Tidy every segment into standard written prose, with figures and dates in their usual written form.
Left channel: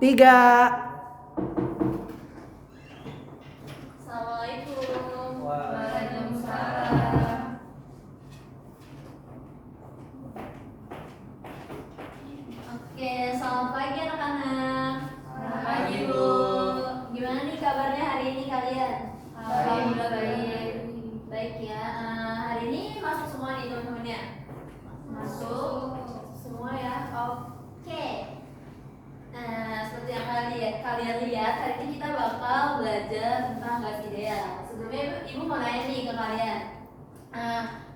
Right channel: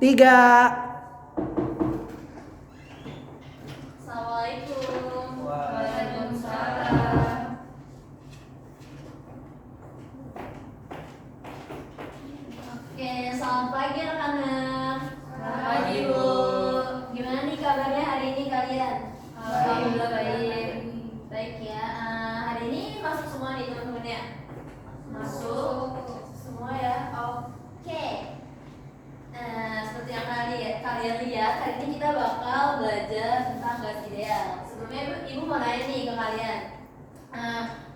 3. Assalamualaikum. Waalaikumsalam. Oke, selamat pagi anak-anak. Pagi, Bu. Gimana nih kabarnya hari ini kalian? Alhamdulillah baik. Baik ya. Hari ini masuk semua nih teman-temannya. Masuk semua ya. Oke. Nah, seperti yang kalian lihat, hari ini kita bakal belajar tentang gas ideal. Sebelumnya ibu mau nanya nih ke kalian.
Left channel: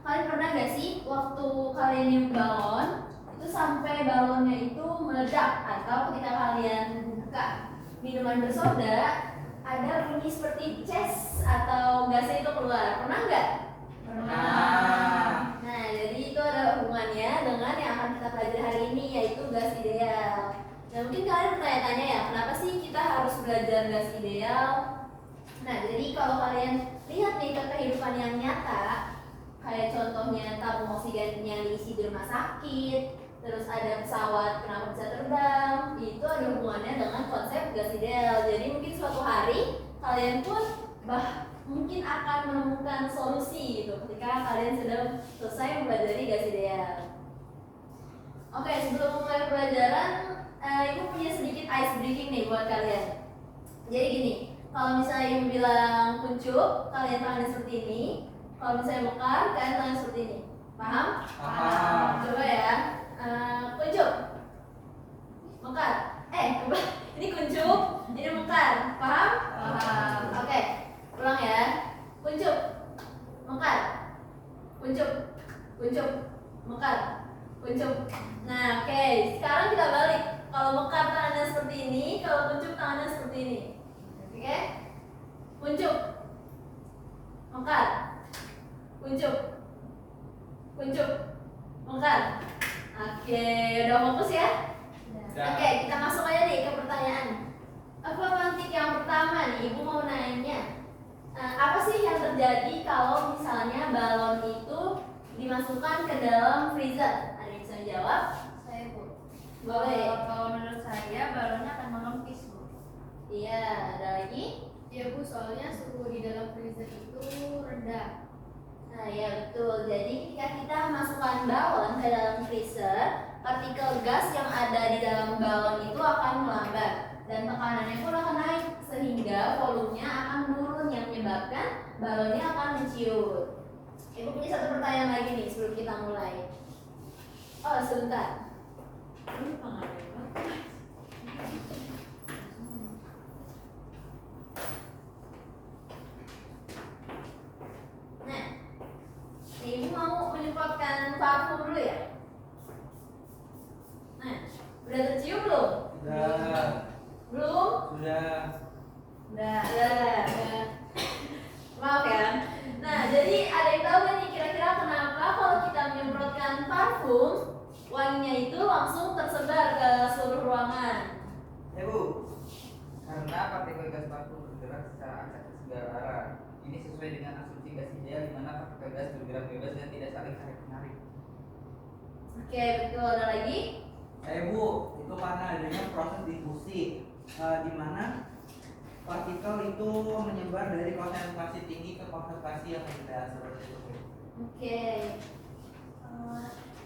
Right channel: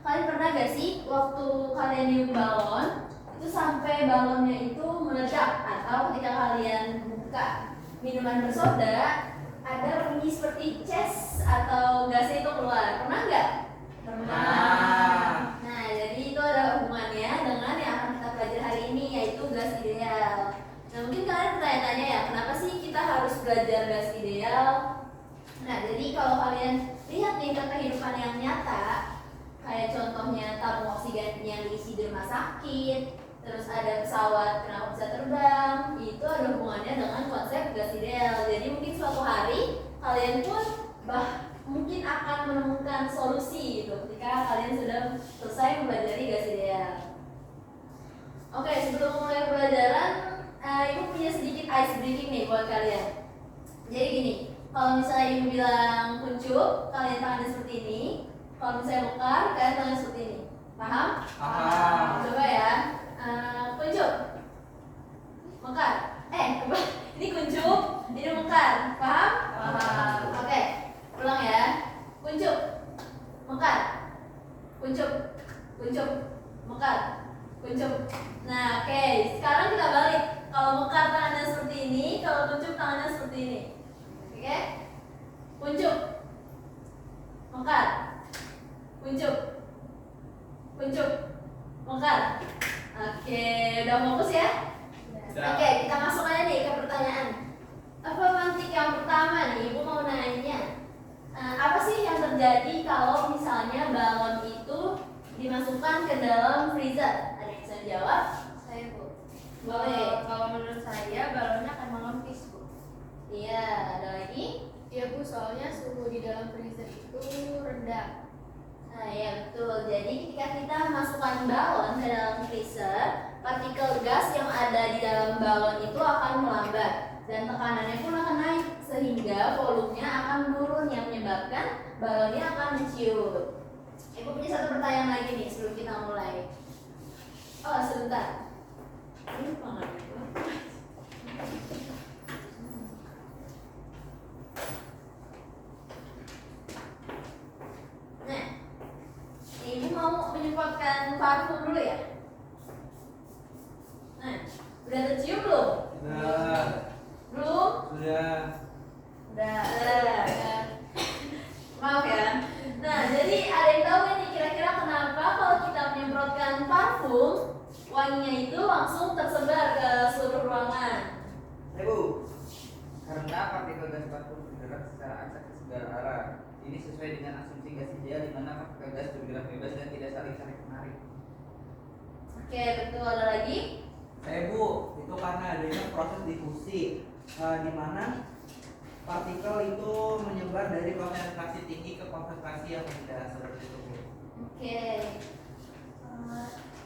Kalian pernah gak sih waktu kalian niup balon itu sampai balonnya itu meledak, atau ketika kalian buka minuman bersoda ada bunyi seperti ces atau gasnya itu keluar? Pernah nggak? Pernah. Nah, jadi itu ada hubungannya dengan yang akan kita pelajari hari ini, yaitu gas ideal. Nah, mungkin kalian bertanya-tanya ya, kenapa sih kita harus belajar gas ideal? Nah, jadi kalau kalian lihat nih ke kehidupan yang nyata, kayak contohnya tabung oksigen yang diisi di rumah sakit, terus ada pesawat kenapa bisa terbang, itu ada hubungannya dengan konsep gas ideal. Jadi mungkin suatu hari kalian pun mungkin akan menemukan solusi gitu ketika kalian sudah selesai mempelajari gas ideal. Oke, sebelum mulai pelajaran, ibu punya sedikit ice breaking nih buat kalian. Jadi gini, kalau misalnya ibu bilang kuncup, kalian tangannya seperti ini. Kalau misalnya mekar, kalian tangannya seperti ini. Paham? Paham. Coba ya. Kuncup, mekar. Ini kuncup, ini mekar. Paham? Paham. Oke, ulang ya. Kuncup, mekar. Kuncup, kuncup, mekar. Kuncup. Nah, oke. Sekarang kita balik. Kalau mekar tangannya seperti ini, kalau kuncup tangannya seperti ini. Oke? Kuncup, mekar. Kuncup, kuncup, mekar. Oke, udah fokus ya? Udah. Oke, kita masuk aja nih ke pertanyaan. Apa mantik yang pertama nih, ibu mau nanya. Apa sih yang terjadi kalau misalnya balon itu dimasukkan ke dalam freezer? Ada yang bisa jawab? Saya, Bu. Boleh. Kalau menurut saya balonnya akan mengempis, Bu. Iya, ada lagi? Iya, Bu, soalnya suhu di dalam freezer itu rendah. Nah, ya betul. Jadi ketika kita masukkan balon ke dalam freezer, partikel gas yang ada di dalam balon itu akan melambat dan tekanannya pun akan naik sehingga volumenya akan menurun yang menyebabkan balonnya akan menciut. Ibu punya satu pertanyaan lagi nih sebelum kita mulai. Oh, sebentar. Ini tangannya, Pak. Nah, ibu mau menyemprotkan parfum dulu ya? Nah, udah tercium belum? Sudah. Belum? Sudah. Udah. Maaf ya. Nah, jadi ada yang tahu nggak nih kira-kira kenapa kalau kita menyemprotkan parfum, wanginya itu langsung tersebar ke seluruh ruangan? Bu, karena partikel gas parfum bergerak secara acak ke segala arah. Ini sesuai dengan asumsi gas ideal di mana partikel gas bergerak bebas dan tidak saling tarik-menarik. Oke, betul. Ada lagi? Bu, itu karena adanya proses difusi, di mana partikel itu menyebar dari konsentrasi tinggi ke konsentrasi yang rendah, seperti itu, Bu. Oke.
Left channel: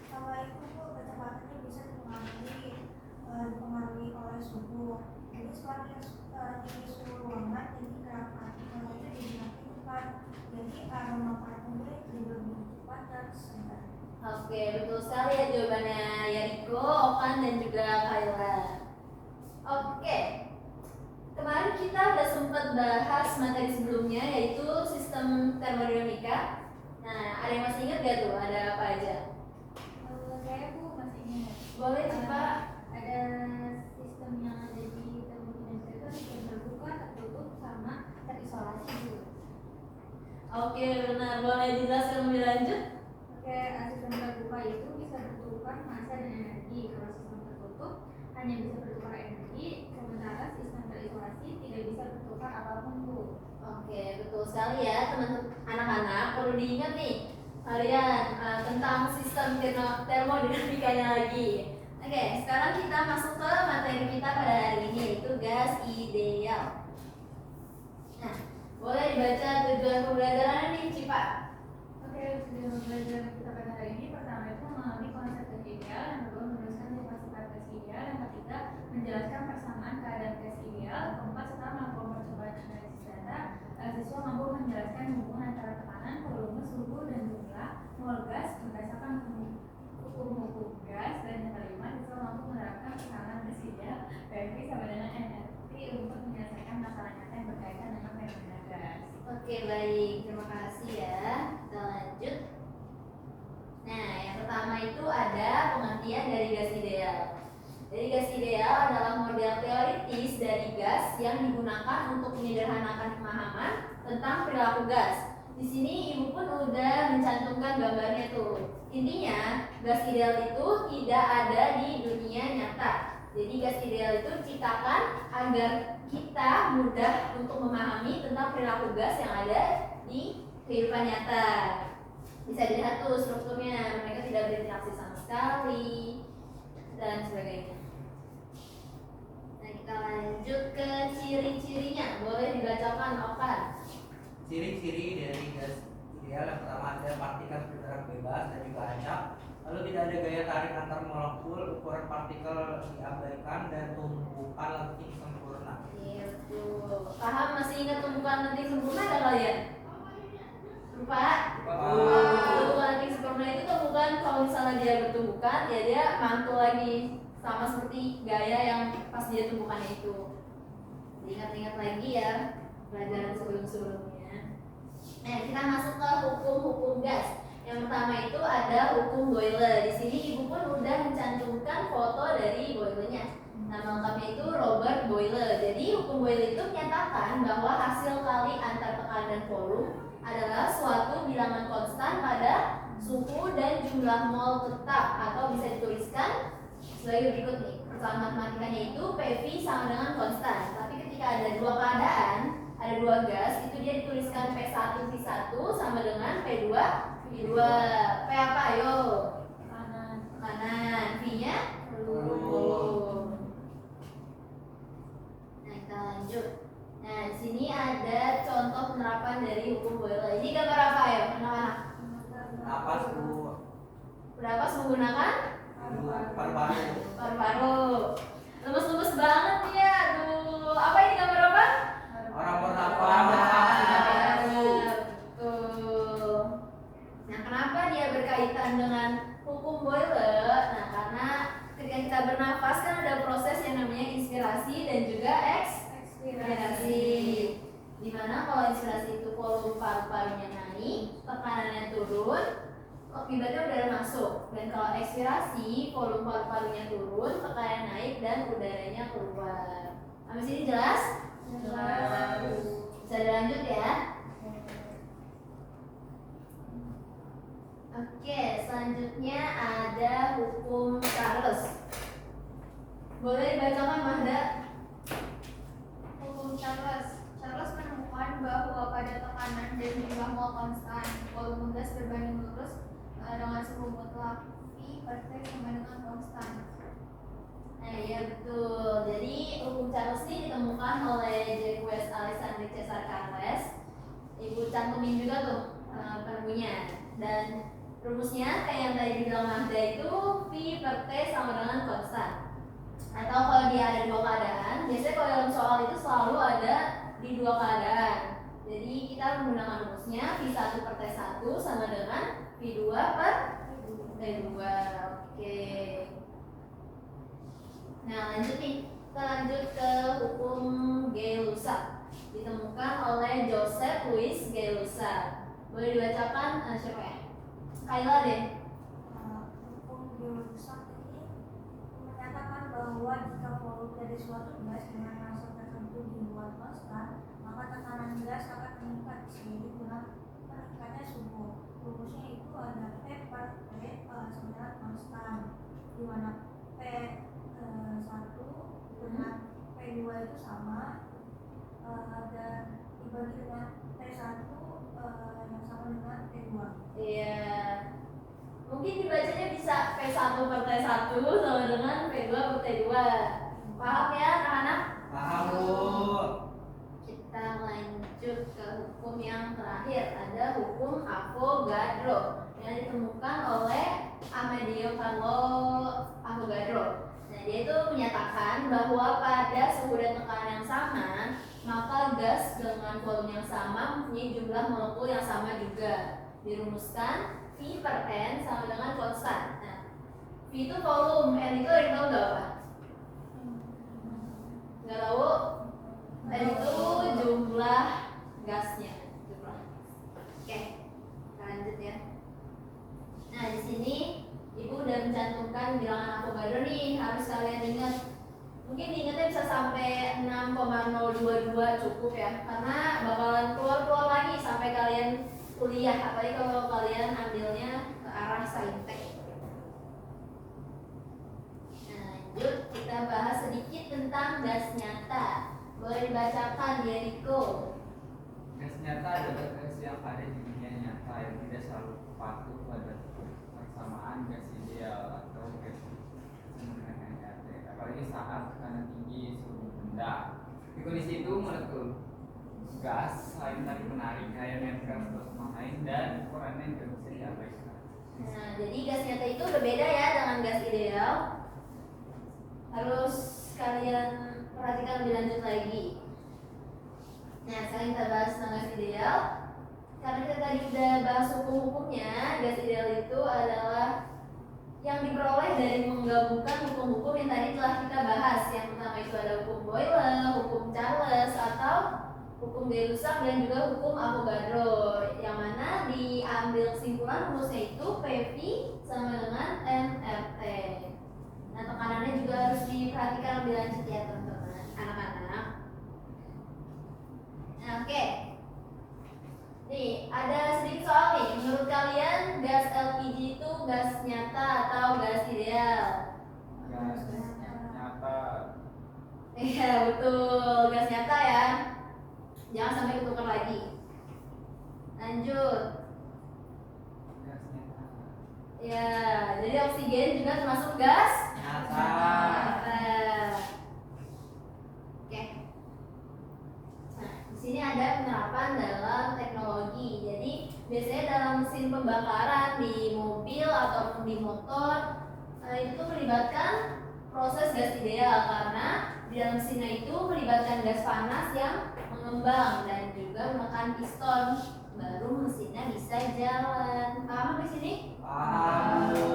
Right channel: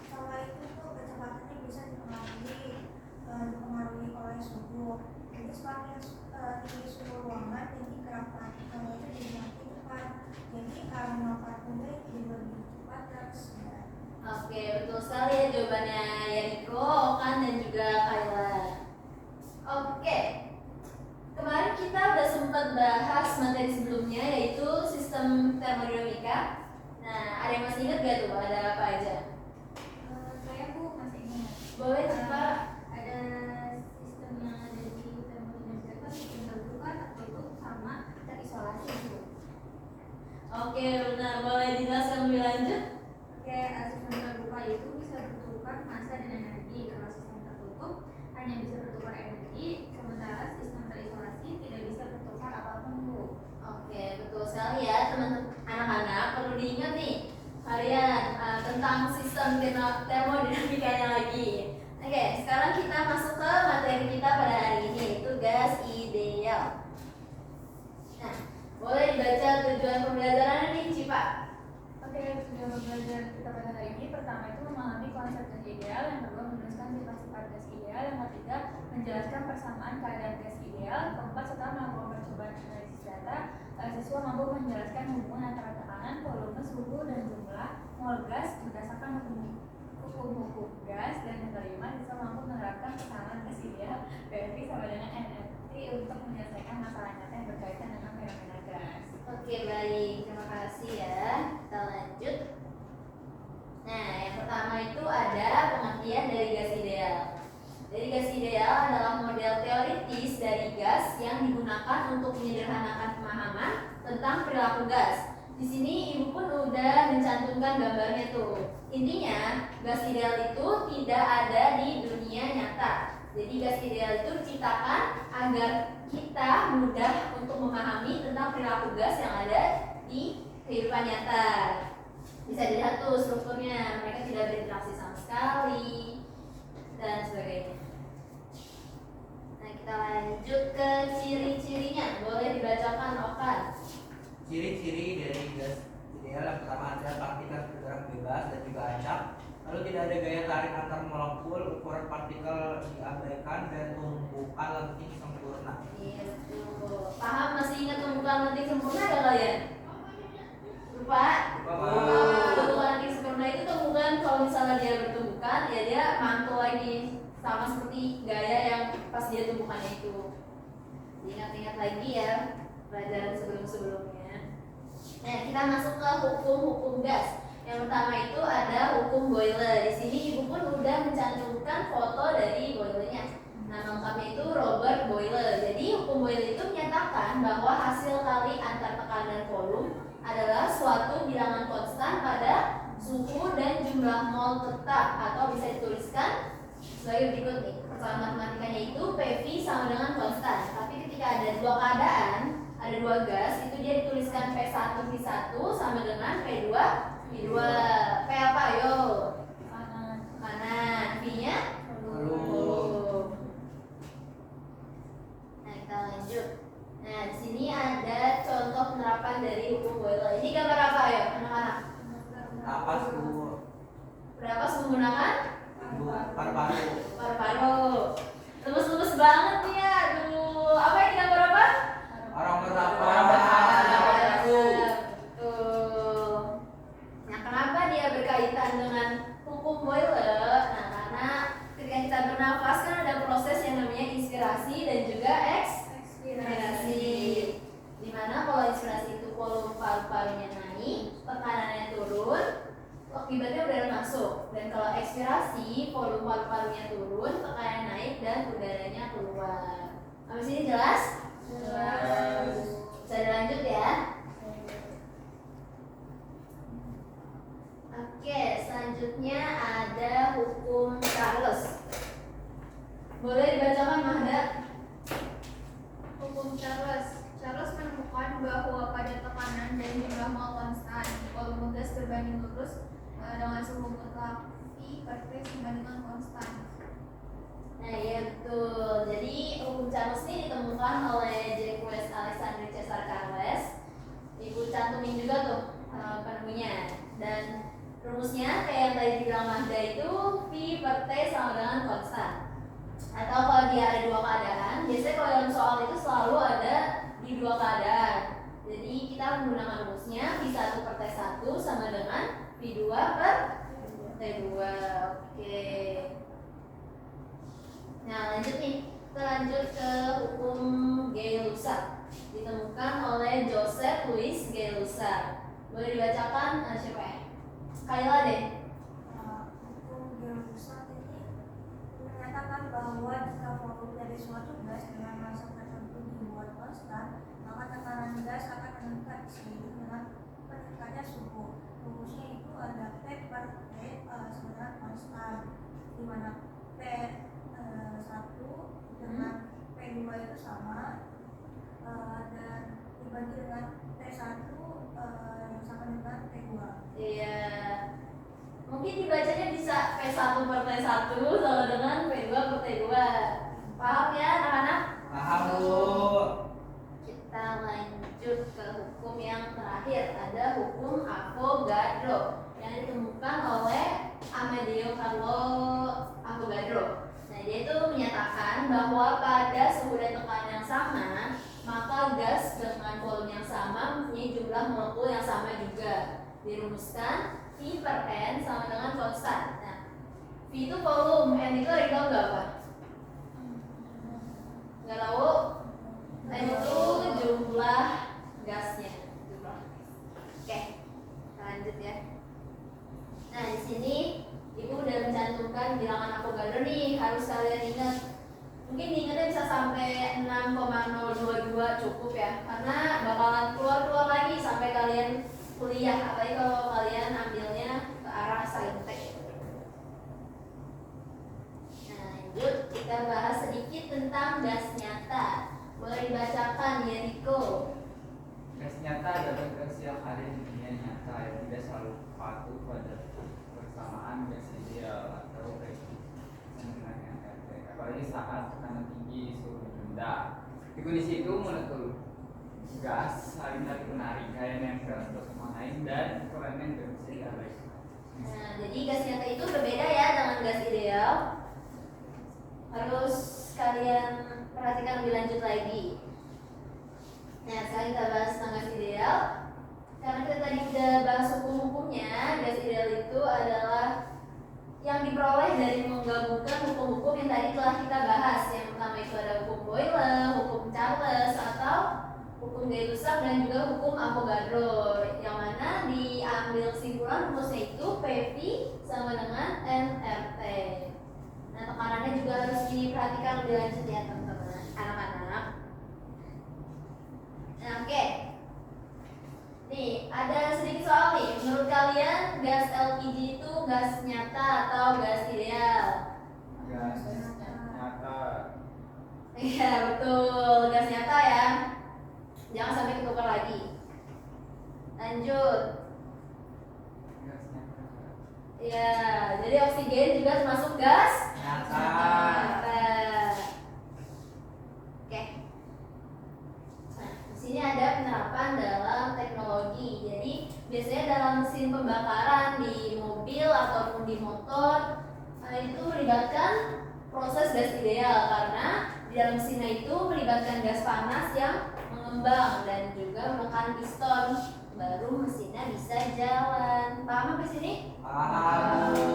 Kalau itu tuh kecepatannya bisa dipengaruhi oleh suhu. Jadi semakin tinggi suhu ruangan, jadi gerak partikelnya itu jadi makin cepat. Jadi aroma parfumnya jadi lebih cepat tersebar. Oke, betul sekali ya jawabannya Yariko, Okan, dan juga Kayla. Oke, kemarin kita udah sempat bahas materi sebelumnya yaitu sistem termodinamika. Nah, ada yang masih ingat gak tuh ada apa aja? Saya, Bu, masih ingat. Boleh coba. Ada sistem yang ada di termodinamika itu sistem terbuka, tertutup, sama terisolasi, Bu. Oke, benar. Boleh dijelaskan lebih lanjut? Oke, sistem terbuka itu bisa bertukar massa dan energi. Kalau sistem tertutup hanya bisa bertukar energi, sementara sistem terisolasi tidak bisa bertukar apapun, Bu. Oke, betul sekali ya teman-teman. Anak-anak perlu diingat nih kalian tentang sistem termodinamikanya lagi. Oke, sekarang kita masuk ke materi kita pada hari ini, yaitu gas ideal. Nah, boleh dibaca tujuan pembelajaran nih, Cipa? Oke, tujuan pembelajaran kita pada hari ini pertama itu memahami konsep gas ideal, yang kedua menuliskan sifat-sifat gas ideal, yang ketiga menjelaskan persamaan keadaan gas ideal, keempat setelah melakukan percobaan analisis data, siswa mampu menjelaskan hubungan antara tekanan, volume, suhu, dan jumlah mol gas berdasarkan hukum gas, dan yang kelima siswa mampu menerapkan persamaan gas ideal PV sama dengan NFT untuk menyelesaikan masalah nyata yang berkaitan dengan fenomena gas. Oke, baik. Terima kasih ya. Kita lanjut. Nah, yang pertama itu ada pengertian dari gas ideal. Jadi gas ideal adalah model teoritis dari gas yang digunakan untuk menyederhanakan pemahaman tentang perilaku gas. Di sini ibu pun udah mencantumkan gambarnya tuh. Intinya, gas ideal itu tidak ada di dunia nyata. Jadi gas ideal itu diciptakan agar kita mudah untuk memahami tentang perilaku gas yang ada di kehidupan nyata. Bisa dilihat tuh strukturnya, mereka tidak berinteraksi sama sekali dan sebagainya. Nah, kita lanjut ke ciri-cirinya. Boleh dibacakan, Okan? Ciri-ciri dari gas ideal yang pertama ada partikel bergerak bebas dan juga acak. Lalu tidak ada gaya tarik antar molekul, ukuran partikel diabaikan, dan tumpukan lenting sempurna. Iya betul. Paham, masih ingat tumpukan lenting sempurna gak kalian? Lupa? Tumpukan lenting sempurna itu tumpukan kalau misalnya dia bertumbukan, ya dia mantul lagi sama seperti gaya yang pas dia tumpukannya itu. Diingat-ingat lagi ya pelajaran sebelum-sebelumnya. Nah, kita masuk ke hukum-hukum gas. Yang pertama itu ada hukum Boyle. Di sini ibu pun udah mencantumkan foto dari Boyle-nya. Nama lengkapnya itu Robert Boyle. Jadi hukum Boyle itu menyatakan bahwa hasil kali antar tekanan dan volume adalah suatu bilangan konstan pada suhu dan jumlah mol tetap, atau bisa dituliskan sebagai berikut nih. Persoalan matematikanya itu PV sama dengan konstan. Tapi ketika ada dua keadaan, ada dua gas, itu dia dituliskan P1 V1 sama dengan P2 V2. P apa? Ayo. Kanan. V-nya volume. Nah, kita lanjut. Nah, di sini ada contoh penerapan dari hukum Boyle. Ini gambar apa ya, anak-anak? Napas bu, Berapa menggunakan paru-paru. paru-paru. Lulus-lulus banget nih ya. Aduh, apa ini gambar apa? Orang bernafas. Betul. Nah, kenapa dia berkaitan dengan hukum Boyle? Nah, karena ketika kita bernafas kan ada proses yang namanya inspirasi dan juga ekspirasi. Dimana kalau inspirasi itu volume paru-parunya naik, tekanannya turun, akibatnya udara masuk. Dan kalau ekspirasi, volume paru-parunya turun, tekanannya naik dan udaranya keluar. Sampai sini jelas? Jelas. Bisa dilanjut ya. Oke, selanjutnya ada hukum Charles. Boleh dibacakan, Mahda? Hukum Charles. Charles menemukan bahwa pada tekanan dan jumlah mol konstan, volume gas berbanding lurus dengan suhu mutlak V per T sama dengan konstan. Nah, iya betul. Jadi hukum Charles ini ditemukan oleh Jacques Alexandre Cesar Charles. Ibu cantumin juga tuh penemunya. Dan rumusnya kayak yang tadi dibilang Mahda itu V per T sama dengan konstan. Atau kalau dia ada dua keadaan, biasanya kalau dalam soal itu selalu ada di dua keadaan. Jadi kita menggunakan rumusnya V1 per T1 sama dengan V2 per T2. Oke. Nah, lanjut nih. Kita lanjut ke hukum Gay-Lussac. Ditemukan oleh Joseph Louis Gay-Lussac. Boleh dibacakan siapa ya? Kayla deh. Hukum Gay-Lussac ini menyatakan bahwa jika volume dari suatu gas dengan massa tertentu dibuat konstan, maka tekanan gas akan meningkat seiring dengan meningkatnya suhu. Rumusnya itu ada P per T sebenarnya konstan, di mana P1 dengan P2 itu sama, dan dibagi dengan P1 yang sama dengan P2. Iya. Mungkin dibacanya bisa bisa P1 per T1 sama dengan P2 per T2. Paham ya anak-anak? Paham Bu. Kita lanjut ke hukum yang terakhir. Ada hukum Avogadro yang ditemukan oleh Amedeo Carlo Avogadro. Nah, dia itu menyatakan bahwa pada suhu dan tekanan yang sama, maka gas dengan volume yang sama mempunyai jumlah molekul yang sama juga. Dirumuskan V per N sama dengan konstan. Nah, V itu volume, N itu ada tahu nggak apa? Nggak tahu? N itu jumlah gasnya. Oke, kita lanjut ya. Nah, di sini Ibu udah mencantumkan bilangan Avogadro nih, harus kalian ingat. Mungkin diingatnya bisa sampai 6,022 cukup ya, karena bakalan keluar lagi sampai kalian kuliah, apalagi kalau kalian ambilnya ke arah saintek. Nah, lanjut kita bahas sedikit tentang gas nyata. Boleh dibacakan ya Riko. Gas nyata adalah gas yang ada di dunia nyata yang tidak selalu patuh pada persamaan gas ideal atau apalagi saat tekanan tinggi suhu rendah. Di kondisi itu molekul gas saling saling menarik gaya nempel satu sama lain dan ukurannya juga bisa diabaikan. Nah, jadi gas nyata itu berbeda ya dengan gas ideal. Harus kalian perhatikan lebih lanjut lagi. Nah, sekarang kita bahas tentang gas ideal. Karena kita tadi udah bahas hukum-hukumnya, gas ideal itu adalah yang diperoleh dari menggabungkan hukum-hukum yang tadi telah kita bahas. Yang pertama itu ada hukum Boyle, hukum Charles, atau hukum Gay-Lussac dan juga hukum Avogadro. Yang mana diambil kesimpulan rumusnya itu PV sama dengan nRT. Nah, tekanannya juga harus diperhatikan lebih lanjut ya teman-teman, anak-anak. Nah, oke. Nih, ada sedikit soal nih. Menurut kalian gas LPG itu gas nyata atau gas ideal? Gas nyata. Iya, betul. Gas nyata ya. Jangan sampai ketukar lagi. Lanjut. Gas nyata. Ya, jadi oksigen juga termasuk gas Nyata. nyata. Oke. Nah, di sini ada penerapan dalam teknologi. Jadi, biasanya dalam mesin pembakaran di mobil ataupun di motor itu melibatkan proses gas ideal karena di dalam mesinnya itu melibatkan gas panas yang mengembang dan juga menekan piston, baru mesinnya bisa jalan. Paham sampai sini? Paham Bu.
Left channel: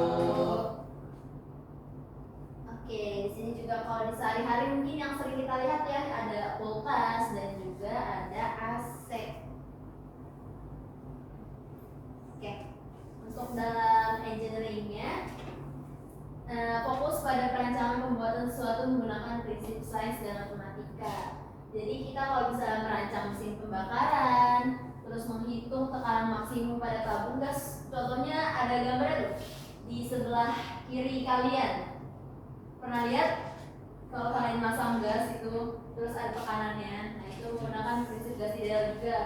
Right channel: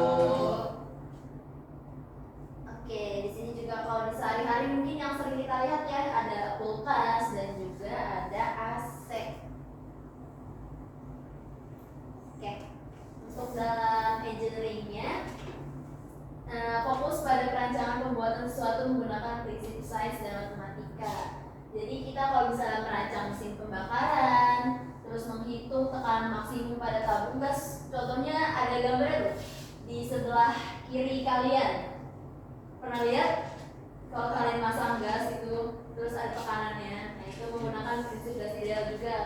Oke, di sini juga kalau di sehari-hari mungkin yang sering kita lihat ya ada kulkas dan juga ada AC. Oke, untuk dalam engineeringnya fokus pada perancangan pembuatan sesuatu menggunakan prinsip sains dan matematika. Jadi kita kalau bisa merancang mesin pembakaran, terus menghitung tekanan maksimum pada tabung gas. Contohnya ada gambarnya tuh di sebelah kiri kalian. Pernah lihat? Kalau kalian masang gas itu terus ada tekanannya. Nah, itu menggunakan prinsip gas ideal juga.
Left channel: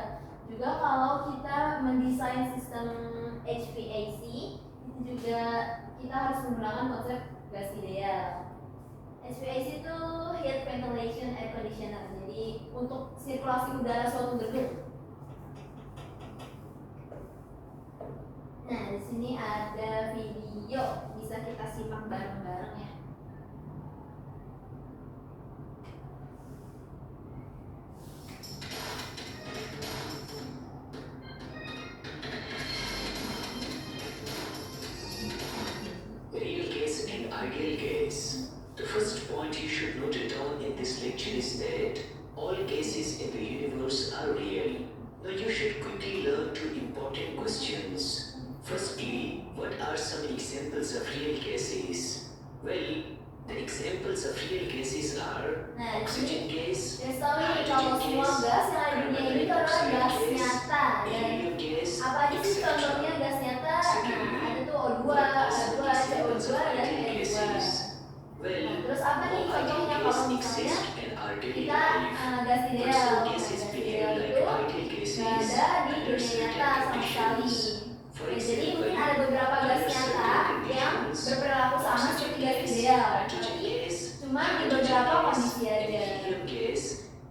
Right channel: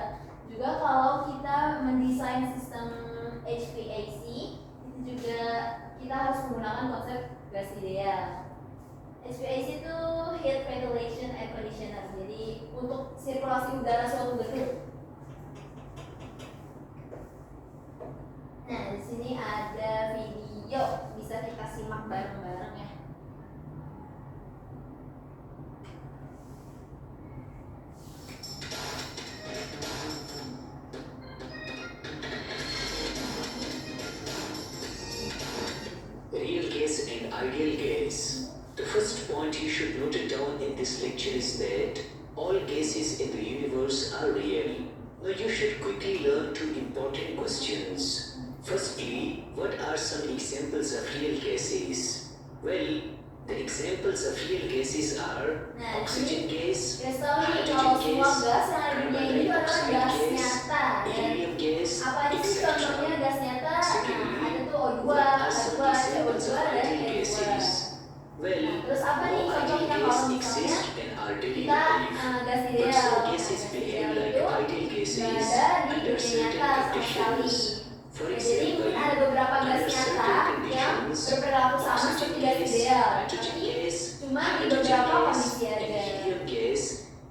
Juga kalau kita mendesain sistem HVAC itu juga kita harus menggunakan konsep gas ideal. HVAC itu heat ventilation air conditioner. Jadi untuk sirkulasi udara suatu gedung. Nah, di sini ada video bisa kita simak bareng-bareng ya. Real gas and ideal gas. The first point you should note down in this lecture is that all gases in the universe are real. Now you should quickly learn two important questions. Firstly, what are some examples of real gases? Well, the examples of real gases are Nah, oxygen gas, Guys tahu nih kalau semua gas yang ada di dunia ini itu adalah gas nyata dan helium gas, apa aja sih etc. contohnya gas nyata? Nah, ada tuh O2, What are H2, some CO2 examples of dan ideal N2. gases? Well, Nah, terus apa nih no ideal contohnya gas kalau misalnya exist and are daily kita life. gas But ideal? some Nah, gases gas behave ideal like itu ideal gases nggak ada di under dunia certain nyata sama sekali. conditions. For Nah, jadi example, mungkin ada beberapa gas under nyata certain yang conditions, Cuma di Hydrogen beberapa gas kondisi and aja. helium gas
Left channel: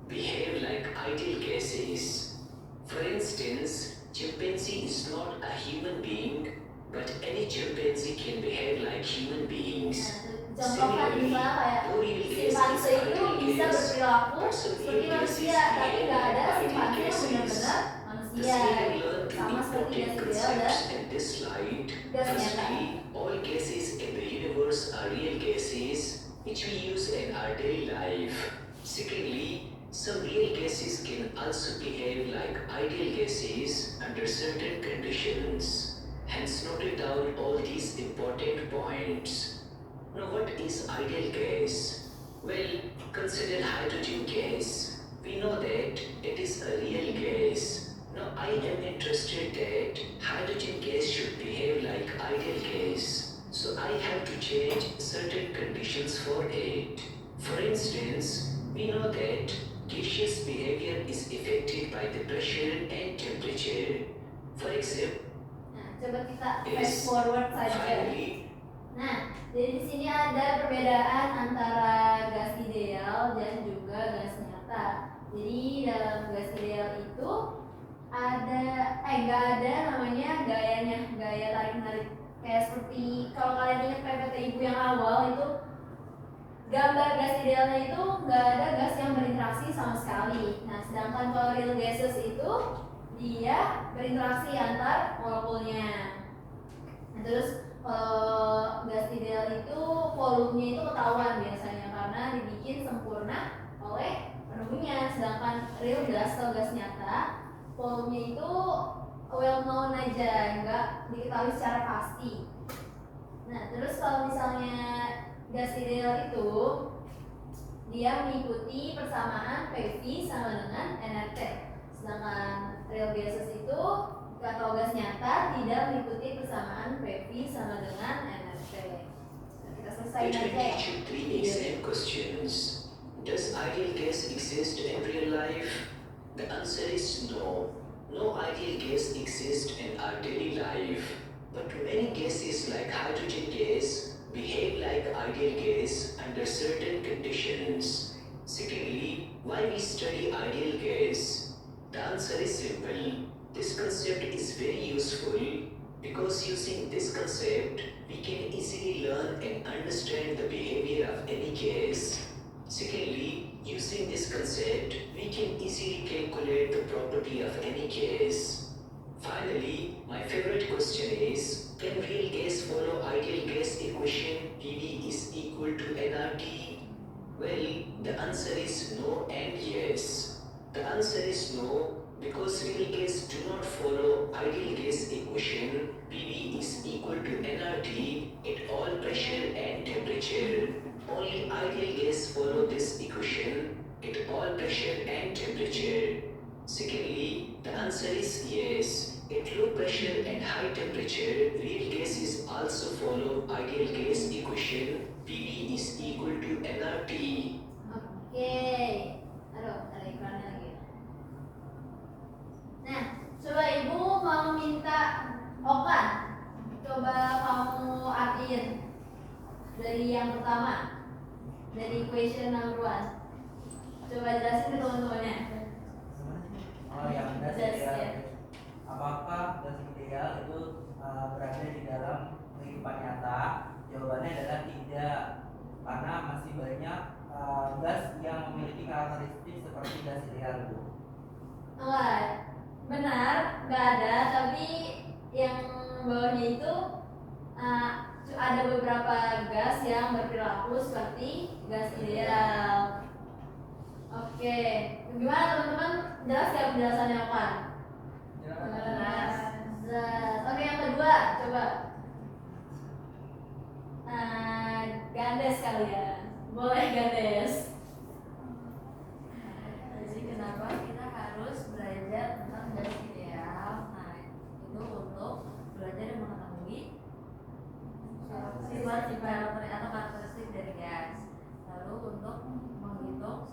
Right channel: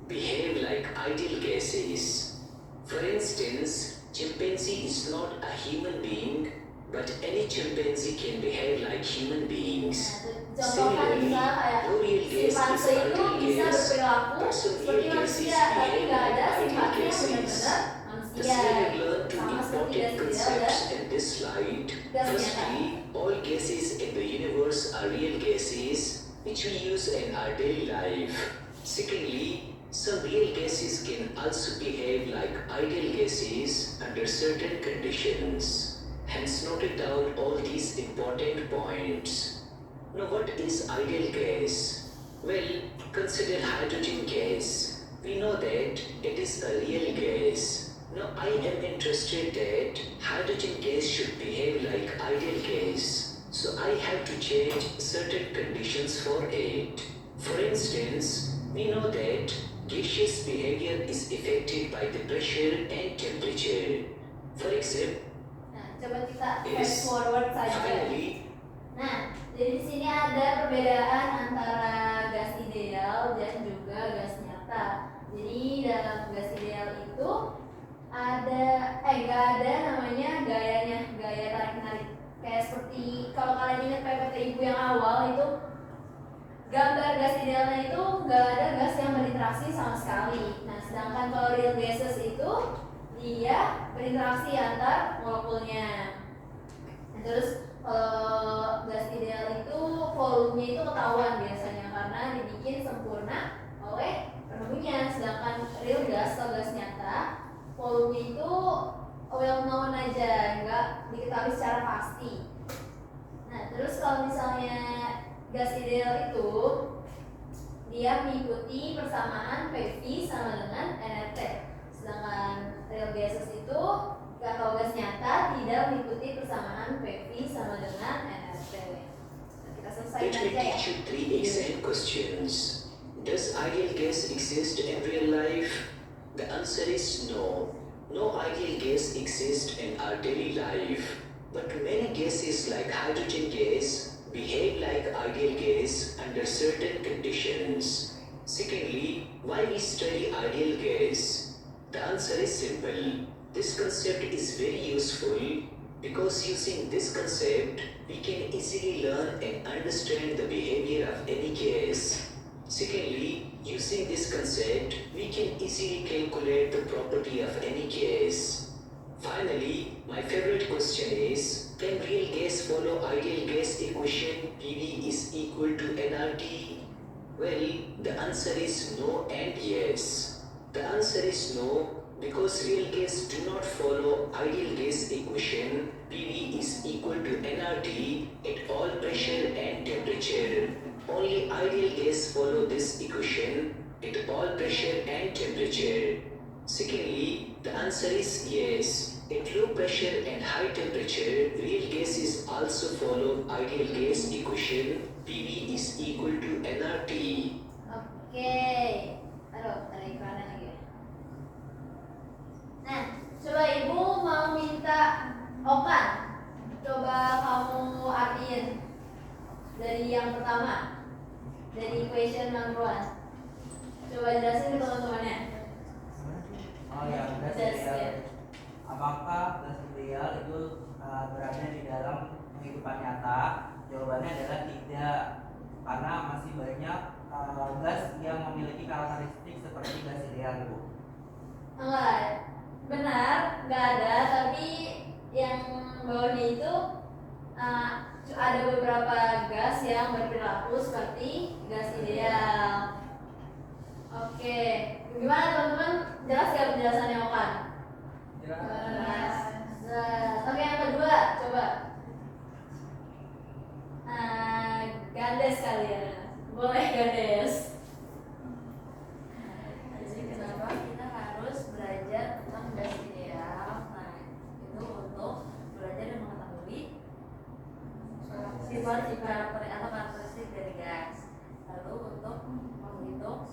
behave like ideal gases. For instance, chimpanzee is not a human being, but any chimpanzee can behave like human beings. Nah, contohnya misalnya kayak No real gas is simpanse itu ideal bisa gas, berperilaku but some seperti real gases manusia, tapi behave nggak like ada ideal simpanse yang gases. benar-benar Thus, manusia. we have learned two Sama seperti important gas ideal dan concepts in this slide. gas nyata. Firstly, all gases in the universe are real gases, which we use in our daily life. Secondly, some real gases can also behave like ideal gases under certain conditions. Hence, noted down all these important points. Now, what is ideal gas? Well, consider hydrogen gas. We know that it is a real gas. Now, I am interested that hydrogen gas should behave like ideal gas. So, I have to change certain conditions for it. For instance, we know that gaseous behavior is affected by the pressure and temperature. For example, Nah, coba kita Yes. fast forward saja. finally, Nah, jadi di sini ada perbedaan antara gas ideal dan juga gas nyata. Jadi dalam gas ideal itu nggak ada namanya gaya tarik menarik. Kayak seperti kalau kalian ingat PPT ibu yang awal itu gambar gas idealnya itu nggak ada gas yang berinteraksi sama sekali. Nah, sedangkan kalau real gases itu dia berinteraksi antar molekulnya. Nah, terus kalau gas ideal itu volumenya itu ketahuan biasanya karena dibikin sempurna oleh penunggunya. Sedangkan real gas atau gas nyata volumenya itu well known aja, nggak diketahui secara pasti. Nah, terus kalau misalnya gas ideal itu dia mengikuti persamaan PV sama dengan nRT. Sedangkan real gases itu atau gas nyata tidak mengikuti persamaan PV sama dengan nRT. Nah, kita selesai let me aja ya. teach you 3 exam questions. Does ideal gas exist in real life? The answer is no. No ideal gas exists in our daily life. But many gases like hydrogen gas behave like ideal gas under certain conditions. Secondly, why we study ideal gas? The answer is simple. This concept is very useful because using this concept, we can easily learn and understand the behavior of any gas. Secondly, using this concept, we can easily calculate the property of any gas. Finally, my favorite question is, can real gas follow ideal gas equation PV is equal to nRT? Well, the answer is no and yes. The answer is no because real gas do not follow ideal gas equation PV is equal to nRT at all pressure and temperature. Only ideal gas follow this equation at all pressure and temperature. Secondly, the answer is yes. At low pressure and high temperature, real gases also follow ideal gas equation PV is equal to nRT. Oke. Aduh, ada iklannya lagi. Nah, coba ibu mau minta Okan. Coba kamu artiin dari yang pertama. Dari question number 1. Coba jelasin ke teman-temannya. Oh ya, gas Gas, ideal. ya. Apakah gas ideal itu berada di dalam kehidupan nyata? Jawabannya adalah tidak, karena masih banyak gas yang memiliki karakteristik seperti gas ideal, Bu. Enggak, benar, nggak ada. Tapi yang bawahnya itu ada beberapa gas yang berperilaku seperti gas ideal. Oke, gimana teman-teman? Jelas ya penjelasannya Okan? Jelas. Oke, yang kedua, coba Gandes kalian. Boleh Gandes. Jadi kenapa kita harus belajar tentang gas ideal? Nah, itu untuk belajar dan mengetahui sifat atau karakteristik dari gas. Lalu untuk menghitung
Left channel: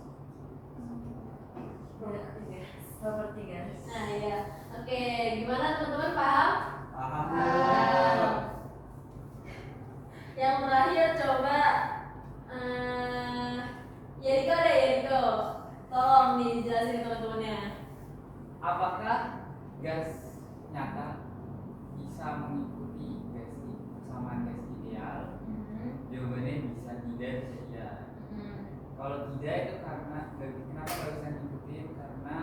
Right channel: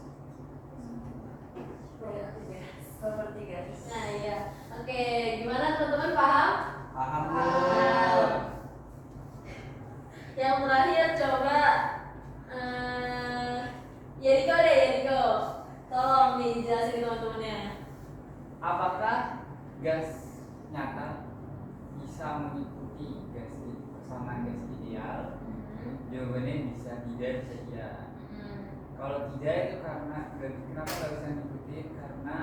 properti gas. Nah, ya. Oke, gimana teman-teman paham? Paham, Bu? Yang terakhir coba Yeriko deh, Yeriko. Tolong nih jelasin teman-temannya. Apakah gas nyata bisa mengikuti persamaan gas ideal? Jawabannya bisa, tidak, bisa iya. Kalau tidak itu karena kenapa nggak bisa ngikutin? Karena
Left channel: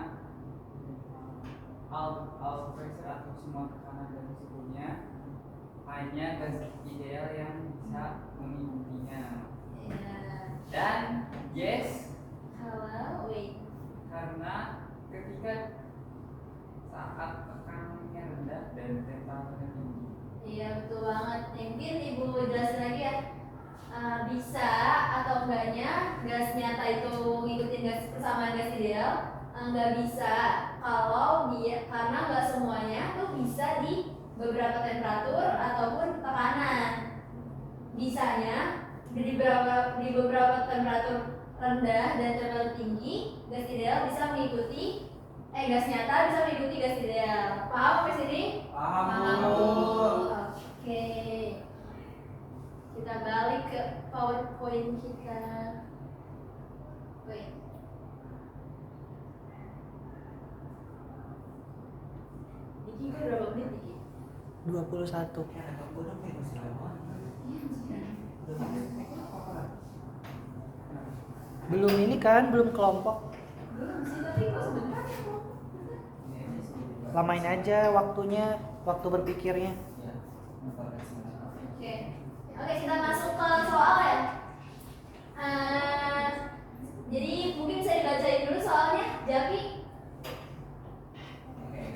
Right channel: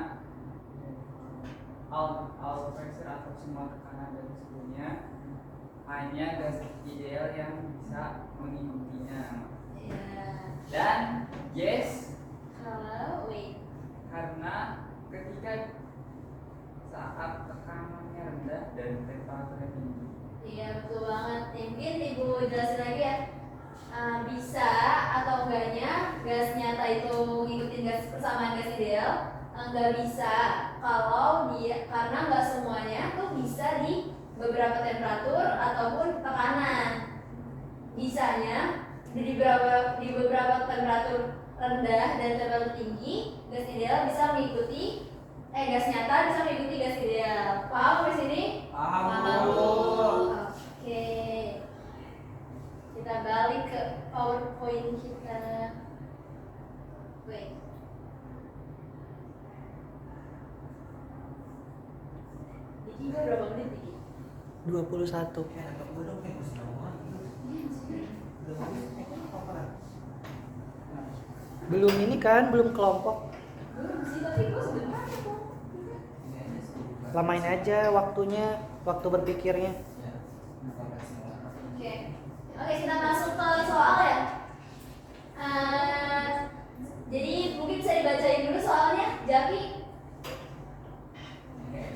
all pressure atau semua tekanan dan suhunya hanya gas ideal yang bisa mengikutinya. Dan yes, Kalau wait. karena ketika saat tekanannya rendah dan temperaturnya tinggi. Iya betul banget. Mungkin ibu jelasin lagi ya. Bisa atau enggaknya gas nyata itu ngikutin gas persamaan gas ideal? Enggak bisa kalau dia karena nggak semuanya tuh bisa di beberapa temperatur ataupun tekanan. Bisanya di beberapa temperatur rendah dan temperatur tinggi gas ideal bisa mengikuti gas nyata bisa mengikuti gas ideal. Paham sampai sini? Paham, Bu. Oke. Kita balik ke PowerPoint kita. Wait. Diki gue berapa menit Diki? 21. Ya, untuk duduk nih, Gus. Belum ini kan, belum kelompok. Belum sih, tapi gue sebenarnya kok. Lamain aja waktunya, waktu berpikirnya. Oke. Oke, kita masuk ke soal ya. Jadi mungkin bisa dibacain dulu soalnya, Jaki.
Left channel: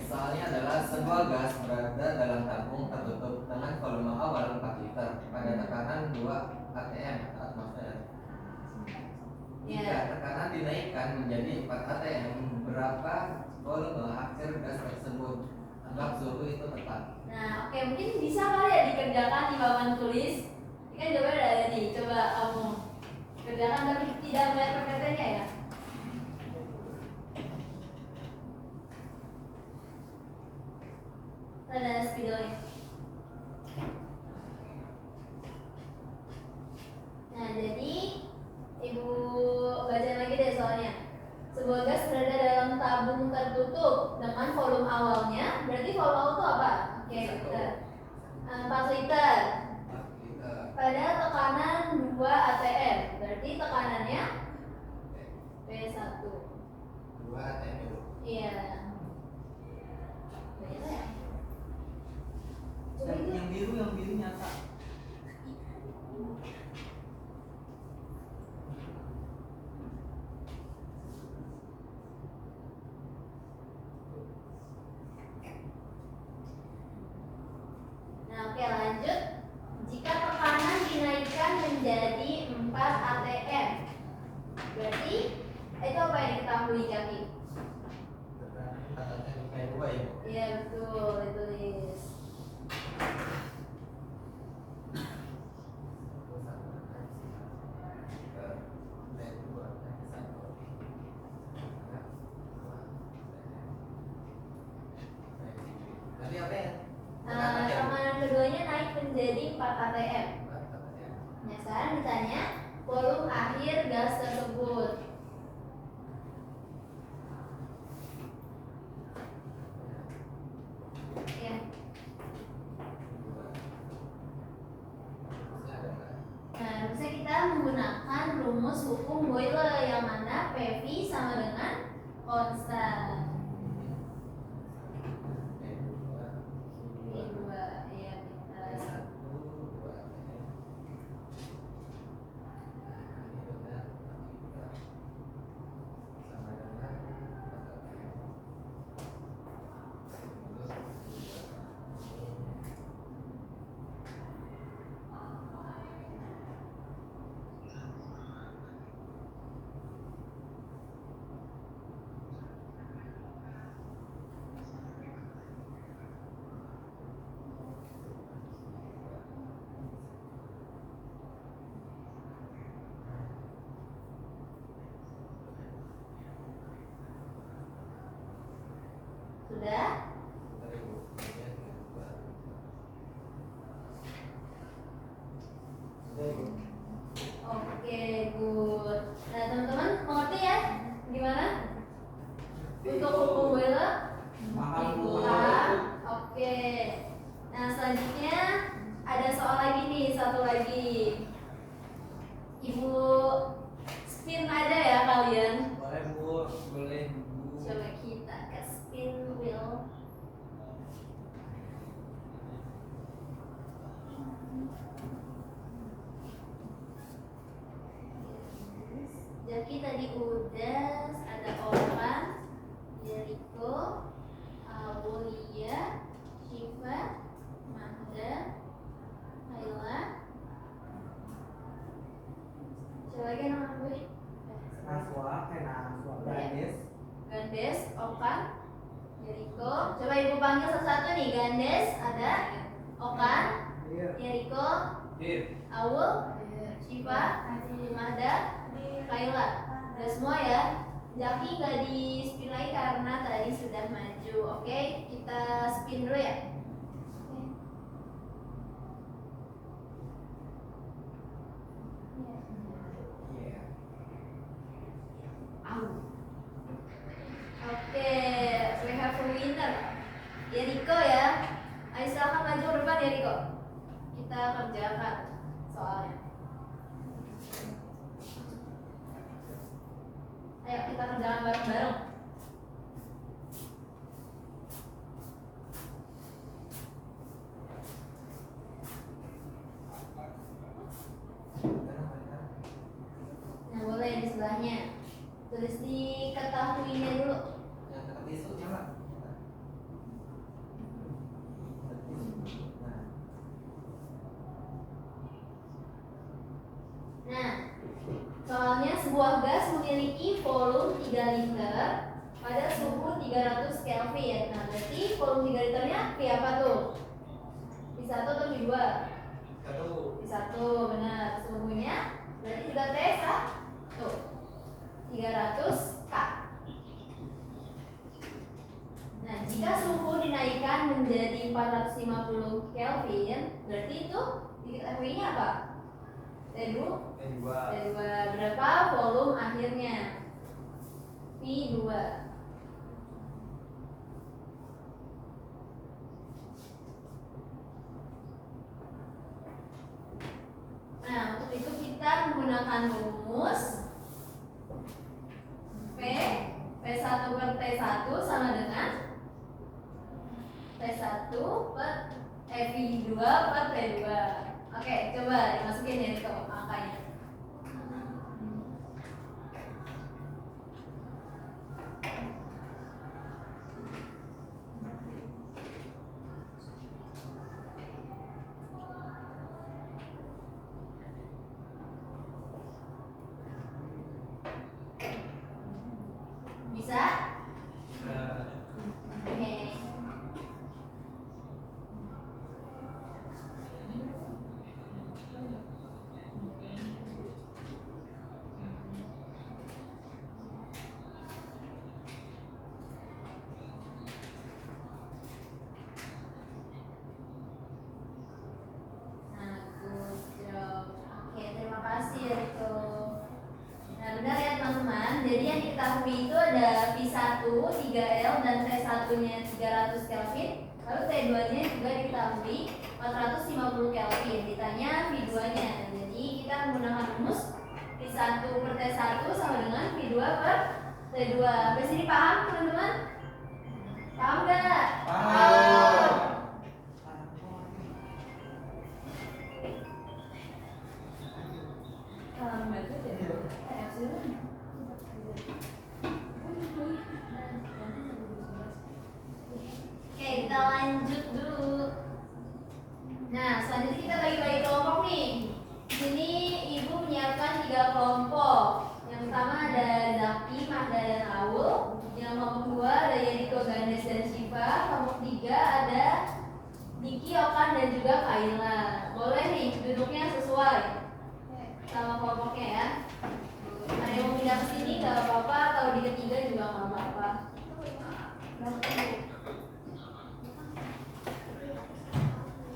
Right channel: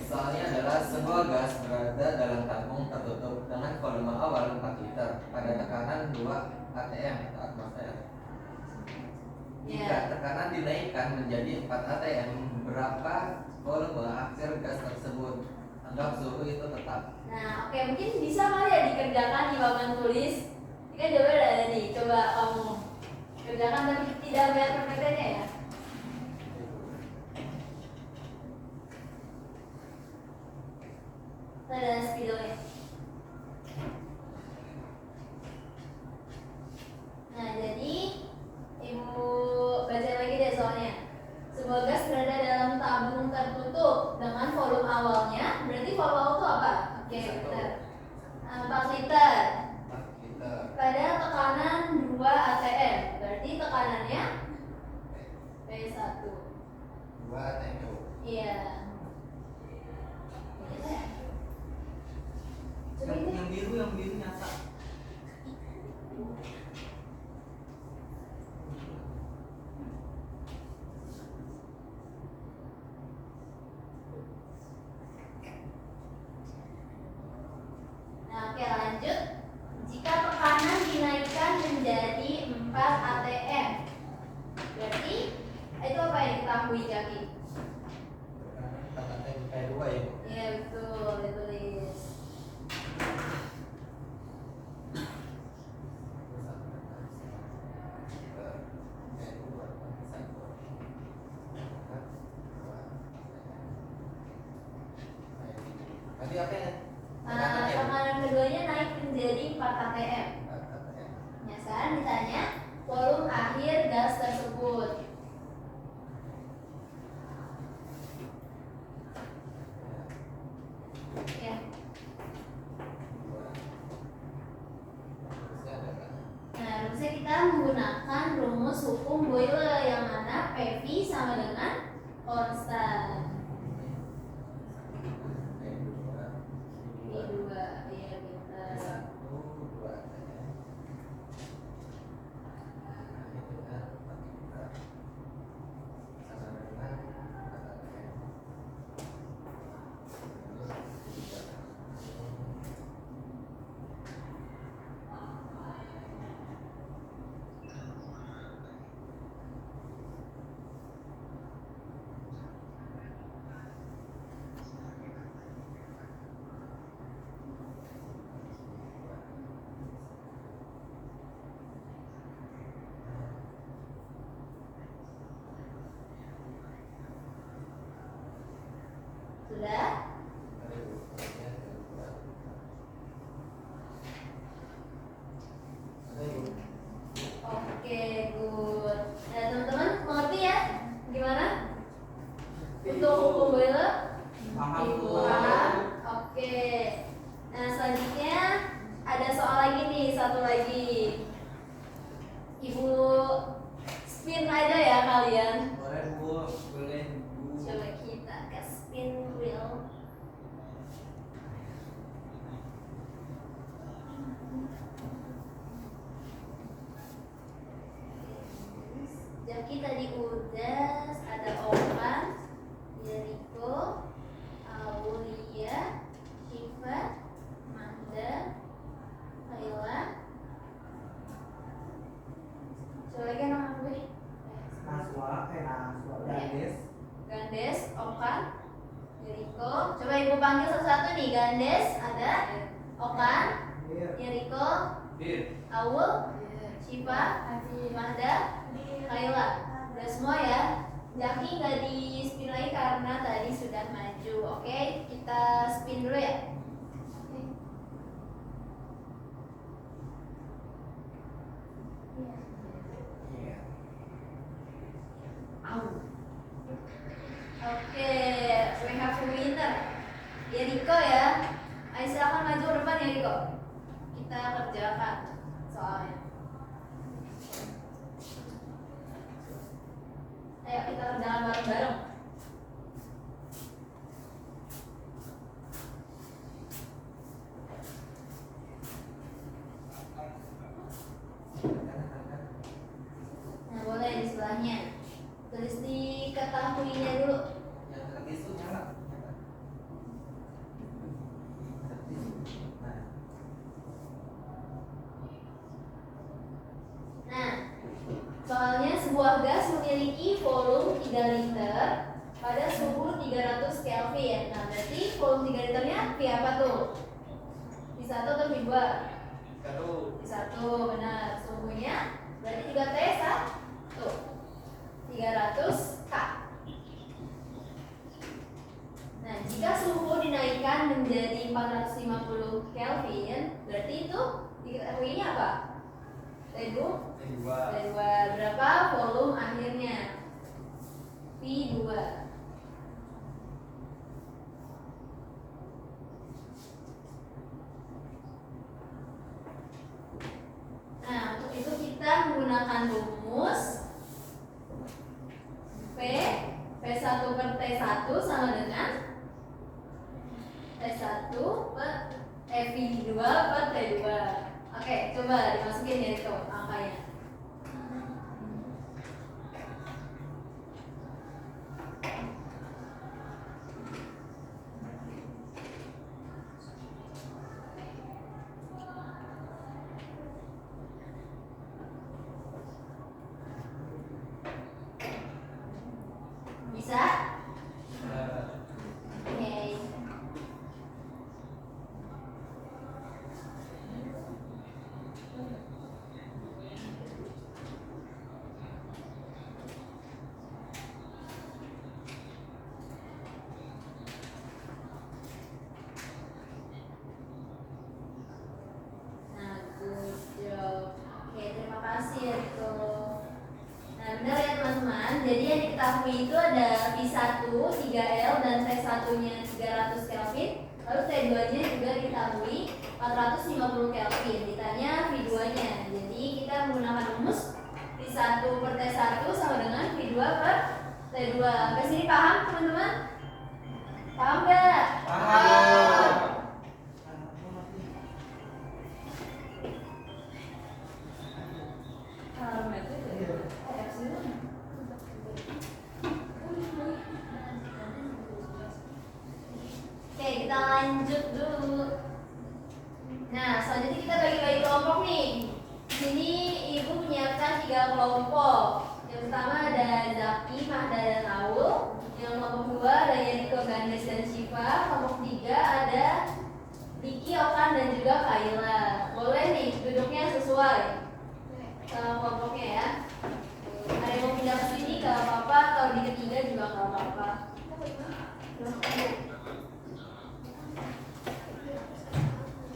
Soalnya adalah sebuah gas berada dalam tabung tertutup dengan volume awal 4 liter pada tekanan 2 atm atmosfer. Jika tekanan dinaikkan menjadi 4 atm, berapa volume akhir gas tersebut? Anggap suhu itu tetap. Nah, oke mungkin bisa kali ya dikerjakan di papan tulis. Ini kan jawaban udah ada nih. Coba kamu kerjakan tapi tidak melihat PPT-nya ya. Ada spidolnya. Nah, jadi ibu baca lagi deh soalnya. Sebuah gas berada dalam tabung tertutup dengan volume awalnya. Berarti volume awal itu apa? Oke, benar. 4 liter. 4 liter. Pada tekanan 2 atm. Berarti tekanannya P1. 2 atm. Iya. Ya. Coba itu. Yang biru nyata. Nah, oke lanjut. Jika tekanan dinaikkan menjadi 4 atm, berarti itu apa yang diketahui Jaki? 4 atm kayak 2 ya. Iya betul, ditulis. Tadi apa ya? Tekanan keduanya naik menjadi 4 atm. 4 atm. Nah, sekarang ditanya volume akhir gas tersebut. Ya. Nah, rumusnya kita menggunakan rumus hukum Boyle yang mana PV sama dengan konstan. P2, ya pintar. satu lagi. Ibu spin aja ya kalian. Boleh Bu. Boleh Bu. Coba kita ke spin wheel. Jaki tadi udah ada Okan, Jericho, Aulia, Shiva, Manda, Ayla. Coba lagi nama gue. Naswa, Gandes, Okan, Jericho. Coba ibu panggil satu-satu nih. Gandes ada, Okan, Jericho, Aul, Shiva, Manda, Kayla. Udah semua ya. Jaki nggak di spin lagi karena tadi sudah maju. Oke, kita spin dulu ya. Oke, we have a winner. Ya Riko ya. Ayo silakan maju ke depan ya Riko. Kita kerjakan soalnya. Ayo kita kerjakan bareng-bareng. Nah boleh di sebelahnya. Tulis di ketahuinya dulu. Yang dekat tisu nyala. Nah, soalnya sebuah gas memiliki volume 3 liter pada suhu 300 Kelvin. Nah, berarti volume 3 liternya V apa tuh? V1 atau V2? V1, benar. Suhunya berarti juga T1 300 K. Nah, jika suhu dinaikkan menjadi 450 Kelvin, berarti itu diketahuinya apa? T2. Berapa volume akhirnya? V2. Nah, untuk itu kita menggunakan rumus P1 per T1 sama dengan T1 per V2 per T2. Oke, coba dimasukin ya itu angkanya. Bisa? Oke. Nah, good job. Oke, terima kasih ya Riko. Nah, benar ya teman-teman. Jadi yang diketahui itu ada V1 3L dan T1-nya 300 Kelvin. Lalu T2-nya juga diketahui 450 Kelvin. Ditanya V2-nya. Jadi kita menggunakan rumus V1 per T1 sama dengan V2 per T2. Sampai sini paham teman-teman? Paham nggak? Paham. Paham aja deh. Oke, kita lanjut dulu. Nah, selanjutnya kita bagi-bagi kelompok nih. Di sini ibu menyiapkan 3 kelompok. Yang pertama ada Zaki, Mahda, dan Aul. Yang kelompok 2 ada Yeriko, Gandes, dan Shiva. Kelompok 3 ada Diki, Okan, dan juga Kayla. Boleh nih duduknya sesuai kelompoknya ya. Ada yang mau pindah ke sini gak apa-apa, atau di ketiga juga gak apa-apa.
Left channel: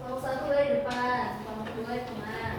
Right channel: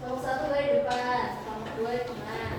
Kelompok 1 dari depan, kelompok 2 di tengah.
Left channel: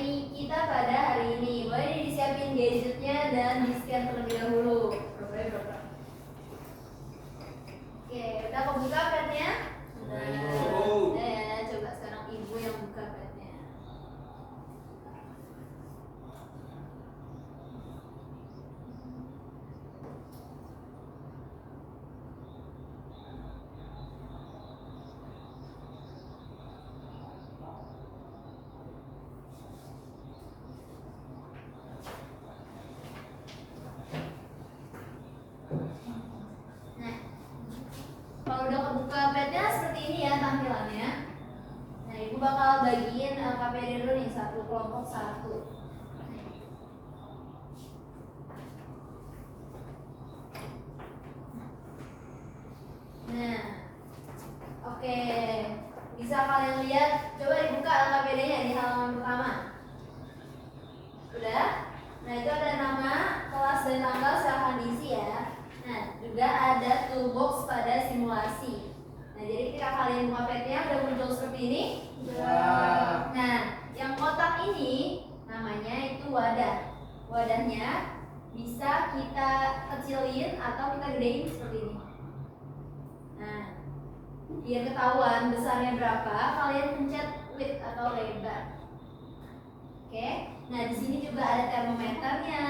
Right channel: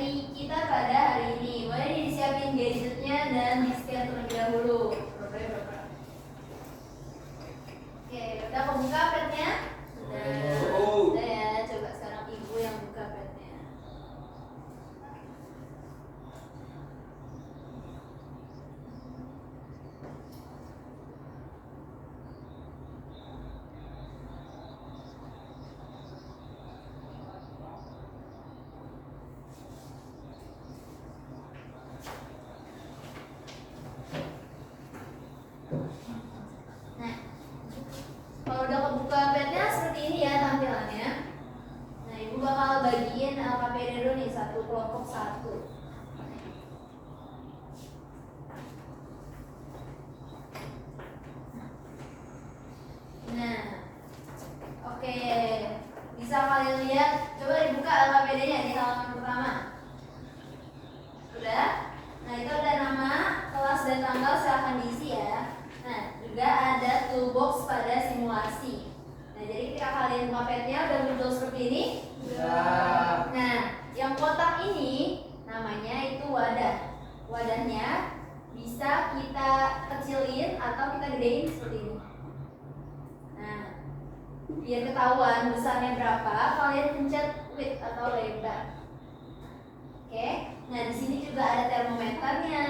materi kita pada hari ini. Boleh disiapin gadgetnya dan di-scan terlebih dahulu. Oke, udah kebuka padnya? Udah ya, coba sekarang ibu yang buka padnya. Nah, kalau udah kebuka padnya seperti ini ya tampilannya. Nah, ibu bakal bagiin LKPD dulu nih, satu kelompok satu. Nah, oke, bisa kalian lihat. Coba dibuka LKPD-nya di halaman pertama. Sudah? Nah, itu ada nama, kelas dan tanggal, silahkan diisi ya. Nah, juga ada toolbox pada simulasi. Nah, jadi ketika kalian buka padnya udah muncul seperti ini. Nah, yang kotak ini namanya itu wadah. Wadahnya bisa kita kecilin atau kita gedein seperti ini. Nah, biar ketahuan besarnya berapa, kalian pencet width atau lebar. Oke, nah di sini juga ada termometernya.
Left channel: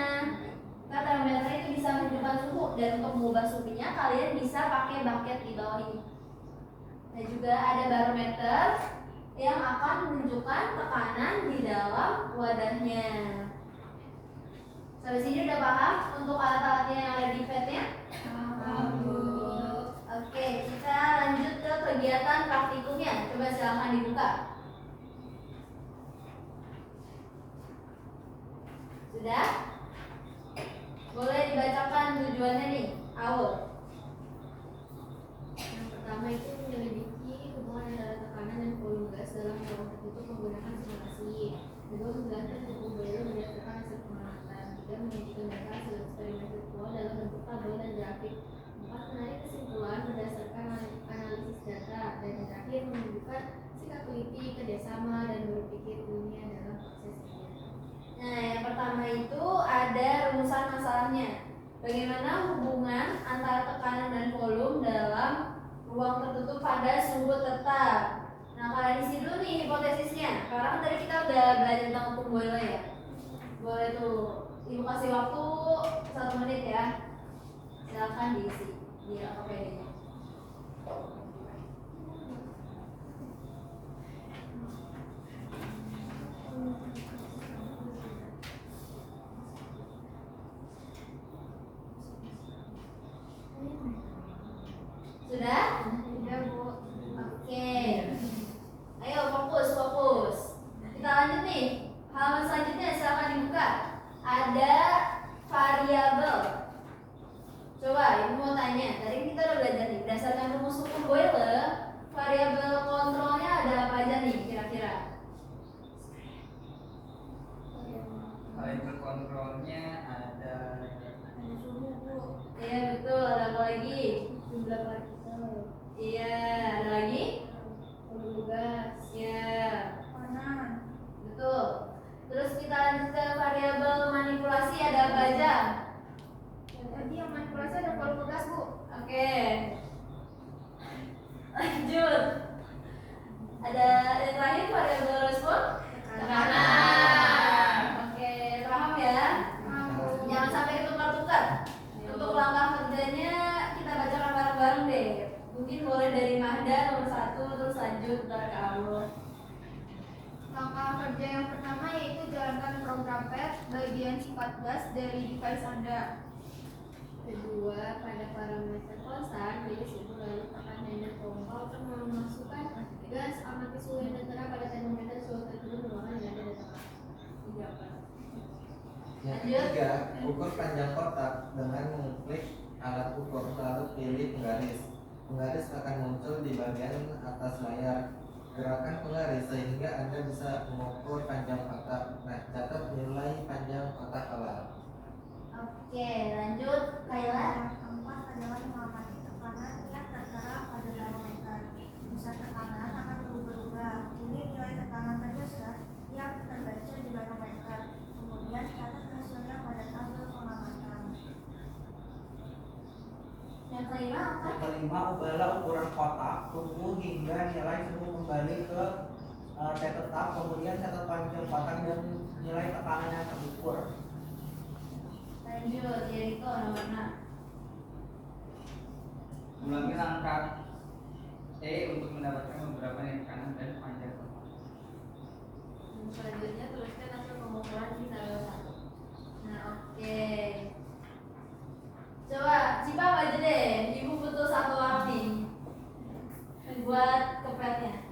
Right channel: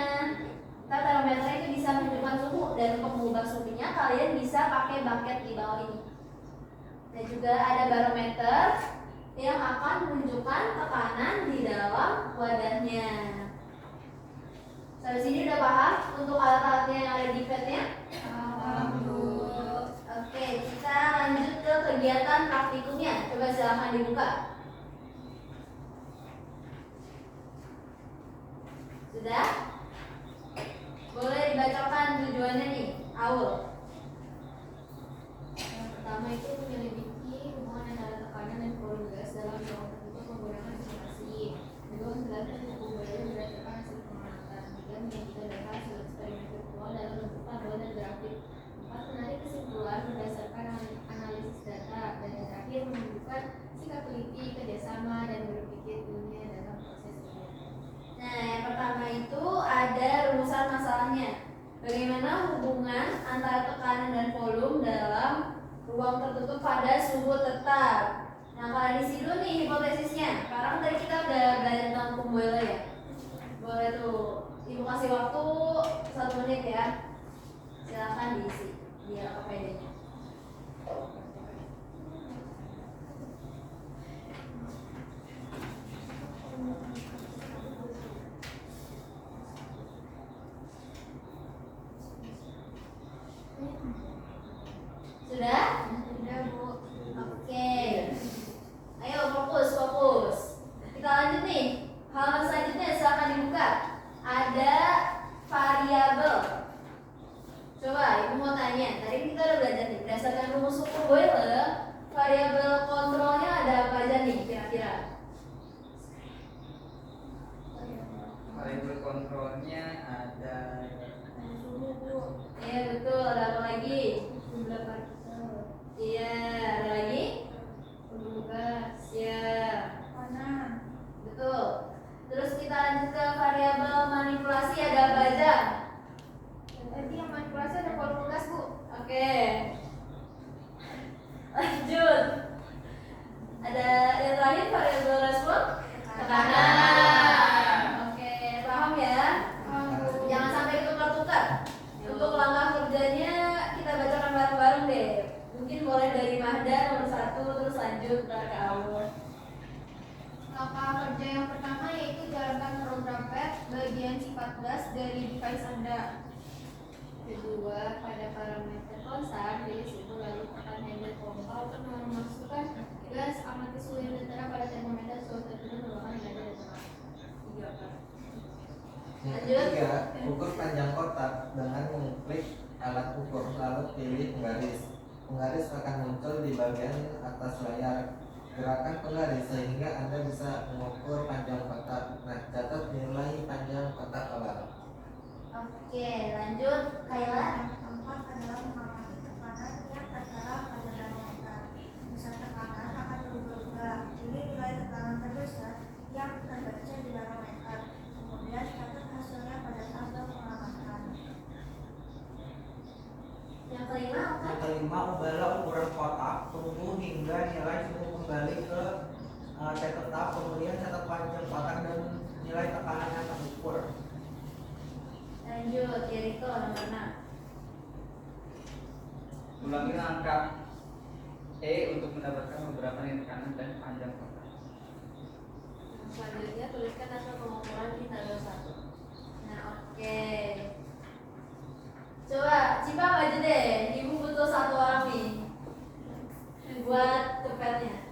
Nah, termometer itu bisa menunjukkan suhu, dan untuk mengubah suhunya kalian bisa pakai bucket di bawah ini. Dan juga ada barometer yang akan menunjukkan tekanan di dalam wadahnya. Sampai sini udah paham untuk alat-alatnya yang ada di padnya? Oke, kita lanjut ke kegiatan praktikumnya. Coba silahkan dibuka. Sudah? Boleh dibacakan tujuannya nih, Aul. Yang pertama itu menyelidiki hubungan antara tekanan dan volume gas dalam ruang tertutup menggunakan simulasi. Kedua, menjelaskan suhu udara berdasarkan hasil pengamatan. Tiga, menyajikan data hasil eksperimen virtual dalam bentuk tabel dan grafik. Empat, menarik kesimpulan berdasarkan analisis data. Dan yang terakhir, menunjukkan sikap teliti, kerjasama, dan berpikir ilmiah dalam proses kegiatan. Nah, yang pertama itu ada rumusan masalahnya. Bagaimana hubungan antara tekanan dan volume dalam ruang tertutup pada suhu tetap. Nah, kalian isi dulu nih hipotesisnya. Sekarang tadi kita udah belajar tentang pump boiler ya. Boleh tuh, ibu kasih waktu 1 menit ya. Silahkan diisi di LKPD-nya. Sudah? Sudah, Bu. Oke. Ayo fokus. Kita lanjut nih. Halaman selanjutnya silahkan dibuka. Ada variabel. Coba ibu mau tanya. Tadi kita udah belajar nih. Berdasarkan rumus hukum Boyle, variabel kontrolnya ada apa aja nih kira-kira? Variabel kontrolnya ada Suhu, Bu. Iya betul. Ada apa lagi? Jumlah partikel, Iya. Ada lagi? volume gas, Iya. Kanan. Betul. Terus kita lanjut ke variabel manipulasi, ada apa aja? Tadi yang manipulasi ada volume gas, Bu. Oke. Lanjut. Ada yang terakhir variabel respon? Tekanan. Oke, paham ya? Jangan sampai ditukar-tukar. Untuk langkah kerjanya kita bacakan bareng-bareng deh. Mungkin boleh dari Mahda nomor 1, terus lanjut ntar ke Aul. Langkah kerja yang pertama yaitu jalankan program PET bagian sifat gas dari device Anda. kedua pada parameter konstan, jadi suhu lalu tekan handle pompa untuk memasukkan gas amati suhu yang tertera pada termometer suhu tertentu merupakan data data. 3. Yang ketiga, ukur panjang kotak dengan mengklik alat ukur lalu pilih penggaris. Penggaris akan muncul di bagian atas layar. Gerakan penggaris sehingga Anda bisa mengukur panjang kotak. Nah, catat nilai panjang kotak olah. Oke, lanjut Kayla. Yang keempat adalah mengamati tekanan yang tertera pada termometer. Besar tekanan akan berubah-ubah. Ini nilai tekanan terbesar yang terbaca di batas kelima, ubahlah ukuran kotak tunggu hingga nilai semu kembali ke T tetap, kemudian catat panjang kotak dan nilai tekanan yang terukur. Lanjut, Jericho nomor 6. Ulangi langkah E untuk mendapatkan beberapa nilai tekanan dan panjang kotak. Selanjutnya tuliskan hasil pengukuran di tabel 1. Nah, oke. Coba Cipa maju deh. Ibu butuh satu orang nih buat kepetnya.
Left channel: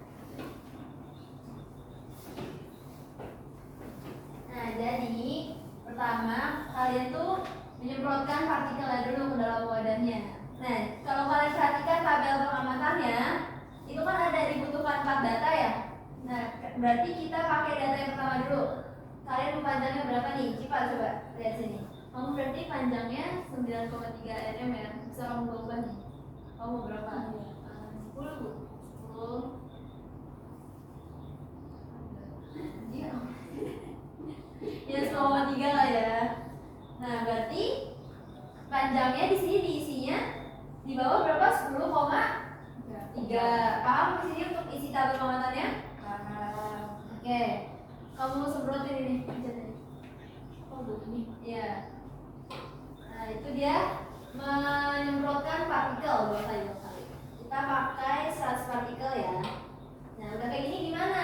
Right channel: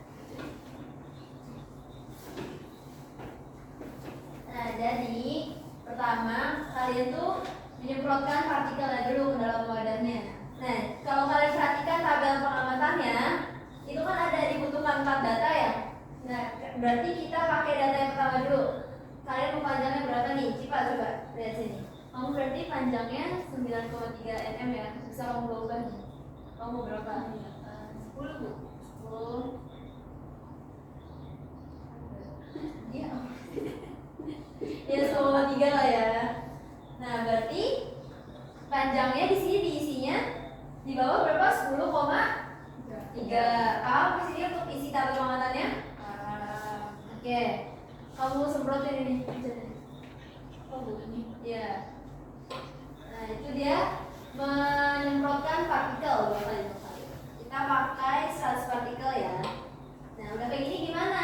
Nah, jadi pertama kalian tuh menyemprotkan partikelnya dulu ke dalam wadahnya. Nah, kalau kalian perhatikan tabel pengamatannya, itu kan ada dibutuhkan 4 data ya. Nah, berarti kita pakai data yang pertama dulu. Kalian mau panjangnya berapa nih? Cipa coba lihat sini. Kamu berarti panjangnya 9,3 mm ya. Bisa kamu ubah nih. Kamu mau berapa? 10. 10. Iya. Ya 10,3 lah ya. Nah, berarti panjangnya di sini diisinya di bawah berapa? 10,3. Paham di sini untuk isi tabel pengamatannya? Oke. Kamu semprotin ini. Oh, begini. Iya. Nah, itu dia menyemprotkan partikel dua kali. Kita pakai 100 partikel ya. Nah, udah kayak gini gimana?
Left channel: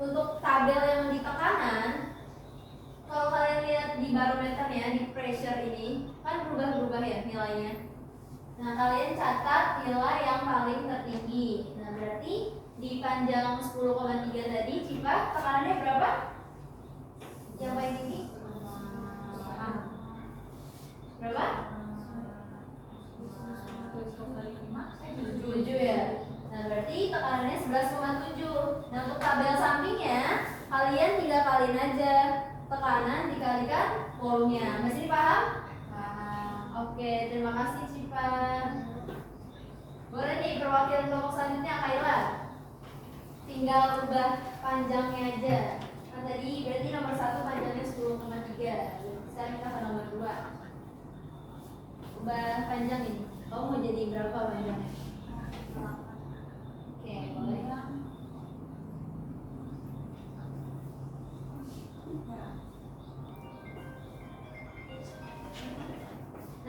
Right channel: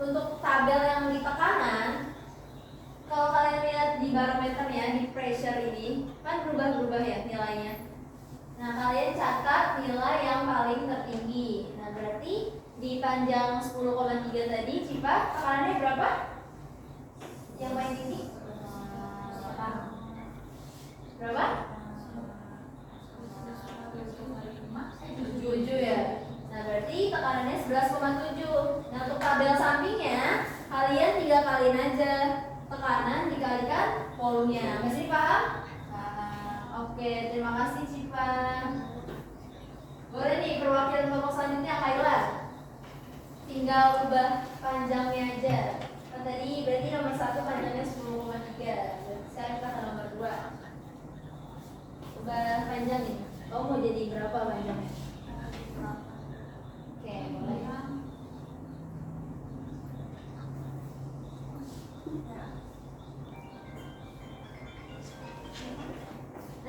Untuk tabel yang di tekanan, kalau kalian lihat di barometernya, di pressure ini kan berubah-ubah ya nilainya. Nah, kalian catat nilai yang paling tertinggi. Nah, berarti di panjang 10,3 tadi Cipa tekanannya berapa? Yang paling tinggi? Berapa? 7 ya. Nah, berarti tekanannya 11,7. Nah, untuk tabel sampingnya kalian 3 kaliin aja tekanan dikalikan volumenya. Masih paham? Oke, terima kasih Cipa. Boleh nih perwakilan kelompok selanjutnya Kayla. Tinggal ubah panjangnya aja. Kan tadi berarti nomor 1 panjangnya 10,3. Sekarang kita ke nomor 2. Ubah panjang ini. Kamu mau jadi berapa panjangnya? Oke, boleh.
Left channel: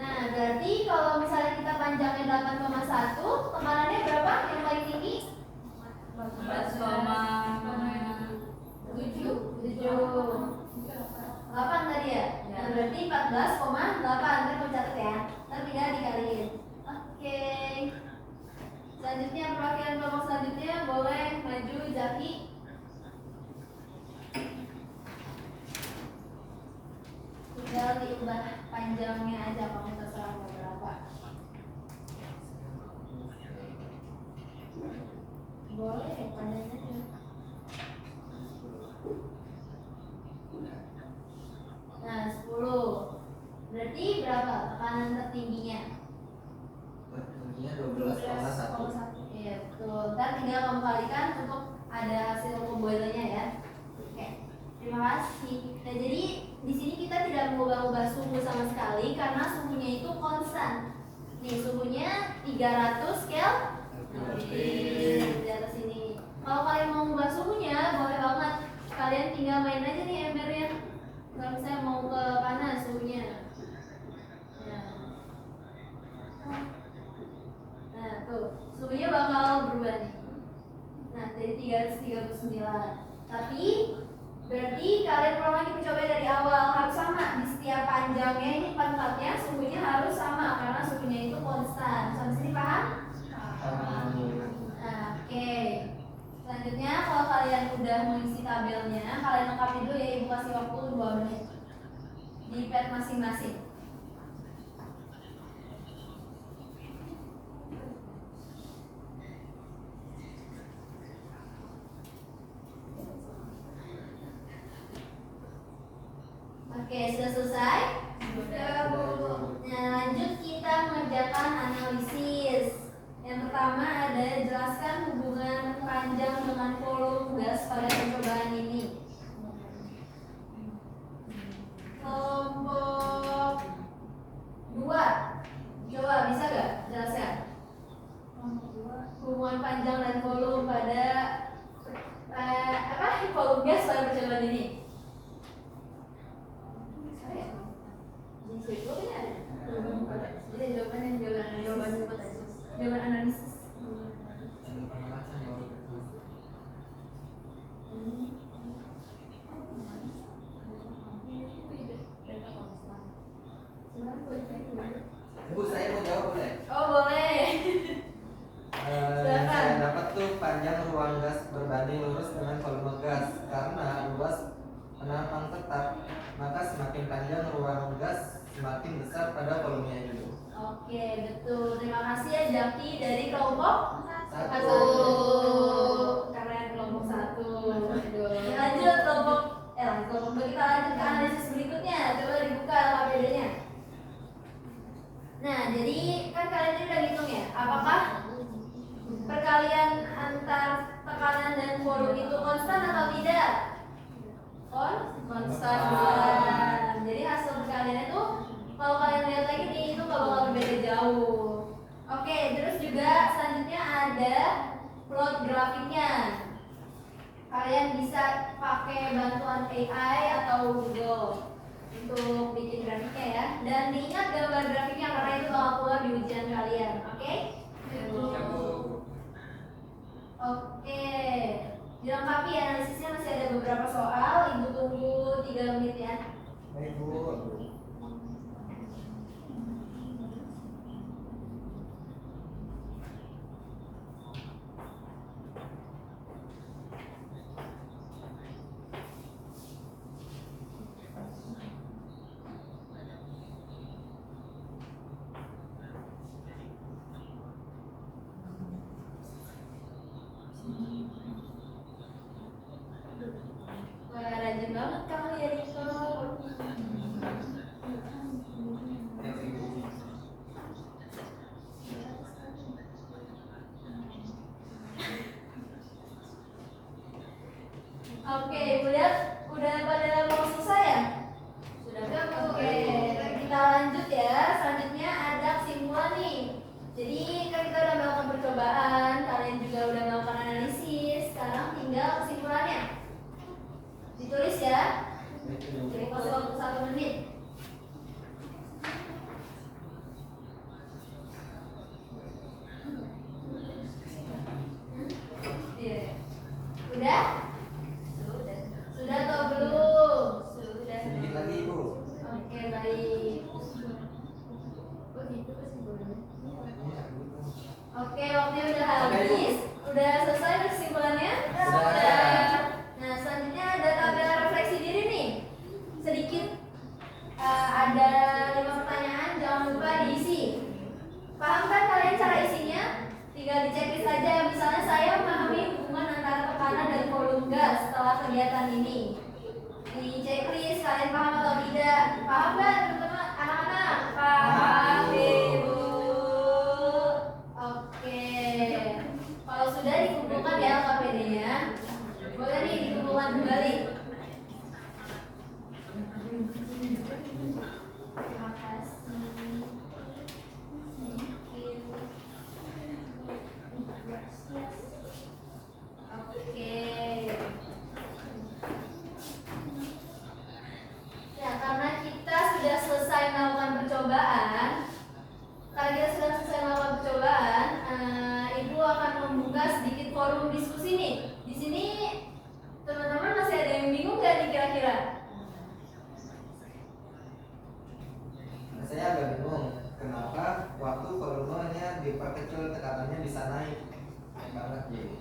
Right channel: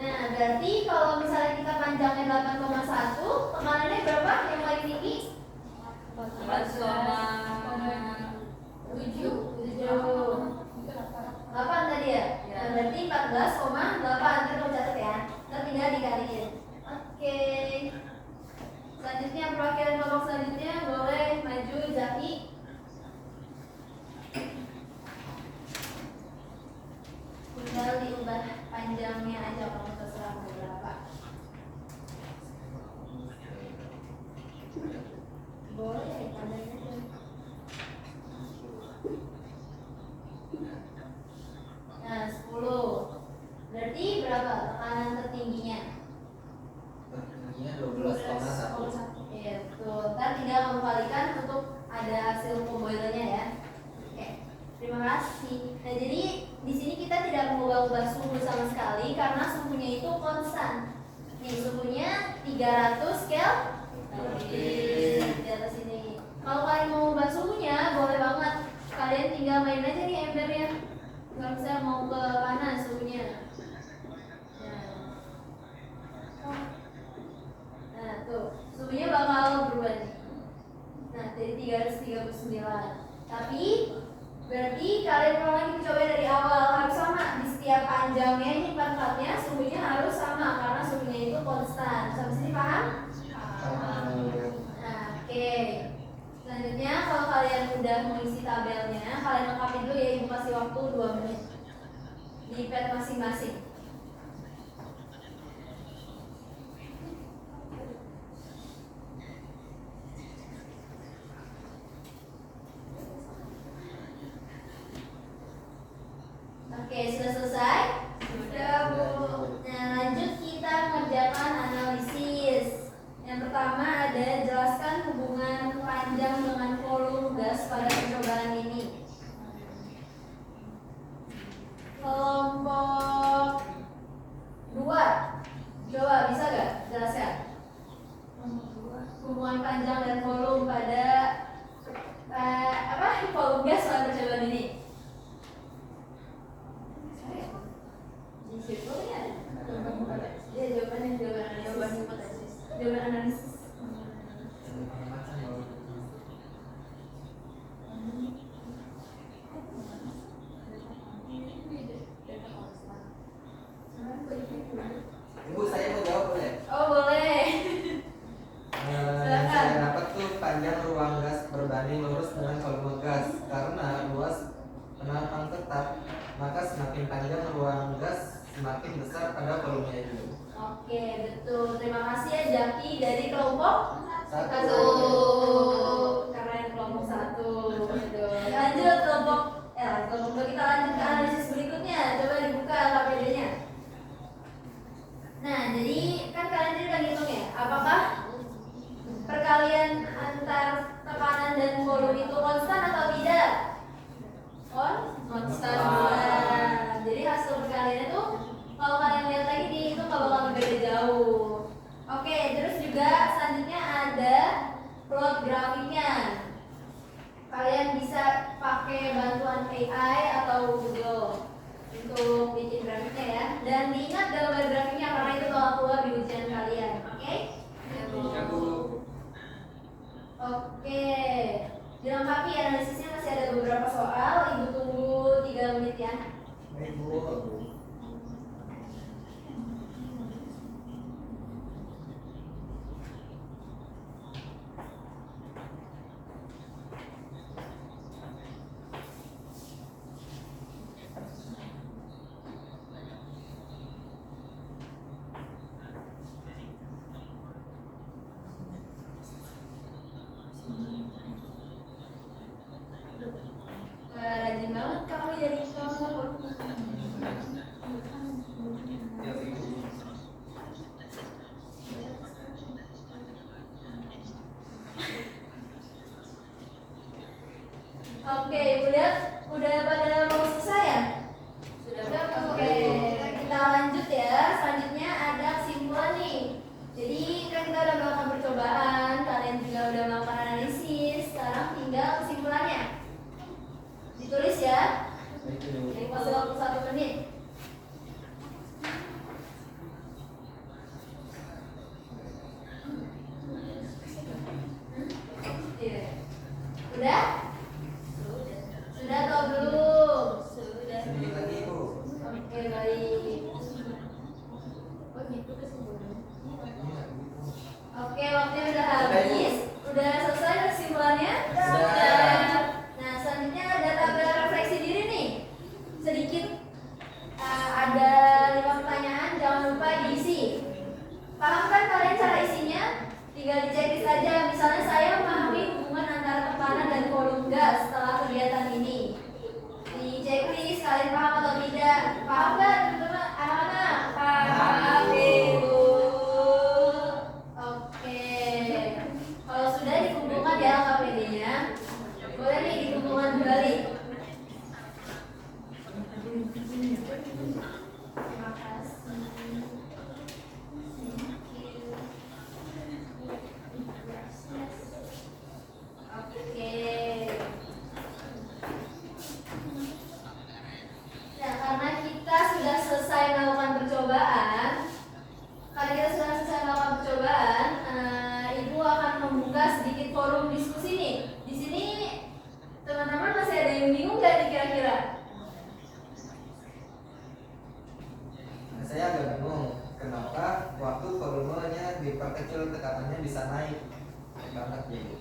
Nah, berarti kalau misalnya kita panjangnya 8,1, tekanannya berapa yang paling tinggi? 14,7. 8 tadi ya? Nah, berarti 14,8. Ntar kamu catat ya. Ntar tinggal dikaliin. Oke. Selanjutnya perwakilan kelompok selanjutnya boleh maju Zaki. Tinggal diubah panjangnya aja, kamu terserah mau berapa. Boleh panjangnya aja. Nah, 10. Berarti berapa tekanan tertingginya? Tertingginya 12,1. Iya, betul. Ntar tinggal kamu kalikan untuk ada hasil pemboilernya ya. Oke, terima kasih. Nah, jadi di sini kita tidak mengubah-ubah suhu sama sekali karena suhunya itu konstan. Nih, suhunya 300 Kelvin di atas ini. Kalau kalian mau ubah suhunya, boleh banget. Kalian tinggal main aja nih embernya. Kalau misalnya mau ke panas suhunya. Nah, tuh suhunya bakal berubah nih. Nah, dari 339. Tapi berarti kalian ulang lagi mencoba dari awal, harus sama di setiap panjangnya ini empat-empatnya suhunya harus sama karena suhunya itu konstan. Sampai sini paham? Nah, oke. Selanjutnya kalau kalian udah mengisi tabelnya, kalian lengkapi dulu ya, ibu kasih waktu 2 menit di pad masing-masing. Oke, sudah selesai? Sudah, Bu. Nah, lanjut kita mengerjakan analisis. Yang pertama ada jelaskan hubungan panjang dengan volume gas pada percobaan ini. Kelompok 2, coba bisa gak jelaskan? kelompok Satu. Karena yang kelompok 1. Lanjut kelompok kelompok 2 kita lanjut ke analisis berikutnya. Coba dibuka KPD-nya. Nah, jadi kan kalian udah ngitung ya, apakah perkalian antar tekanan dan volume itu konstan atau tidak? Konstan. Jadi hasil perkalian itu kalau kalian lihat lagi dihitung nggak bakal beda jauh. Oke, terus juga selanjutnya ada plot grafiknya. Kalian bisa pakai bantuan AI atau Google untuk bikin grafiknya ya. Dan diingat gambar grafiknya karena itu bakal keluar di ujian kalian. Oke? Oke. Dilengkapi analisisnya masih ada beberapa soal. Ibu tunggu 3 menit ya. Baik Bu. Wah, rajin banget kamu ya Riko. Oke, ibu lihat udah pada mau selesai ya? Sudah. Oke, kita lanjut ya. Selanjutnya ada kesimpulan nih. Jadi kan kita udah melakukan percobaan, kalian juga udah melakukan analisis. Sekarang tinggal kesimpulannya. Ditulis ya. Jadi pas waktu 1 menit. Iya. Udah? Sudah atau belum? Sudah. Sedikit lagi Bu. Oke, baik. Oke, waktunya udah habis. Udah selesai kesimpulannya? Sudah. Nah, selanjutnya ada tabel refleksi diri nih. Sedikit ada 5 pertanyaan, jangan lupa diisi. Paham kan kalian cara isinya? Tinggal dicek aja. Misalnya saya memahami hubungan antara tekanan dan volume gas setelah kegiatan ini. Di checklist kalian paham atau tidak? Paham nggak teman-teman? Anak-anak? Paham, Ibu. Oke. Kalau sudah dikumpulkan ya KPD-nya. Boleh nih dikumpulkan kembali. Terima kasih. Oke. Ya, karena kita sudah selesai melakukan percobaan, Ibu akan membuka sedikit forum diskusi nih. Di sini teman-teman masih ada yang bingung nggak nih kira-kira? Saya agak bingung kenapa waktu volumenya diperkecil tekanannya bisa naik banget gitu.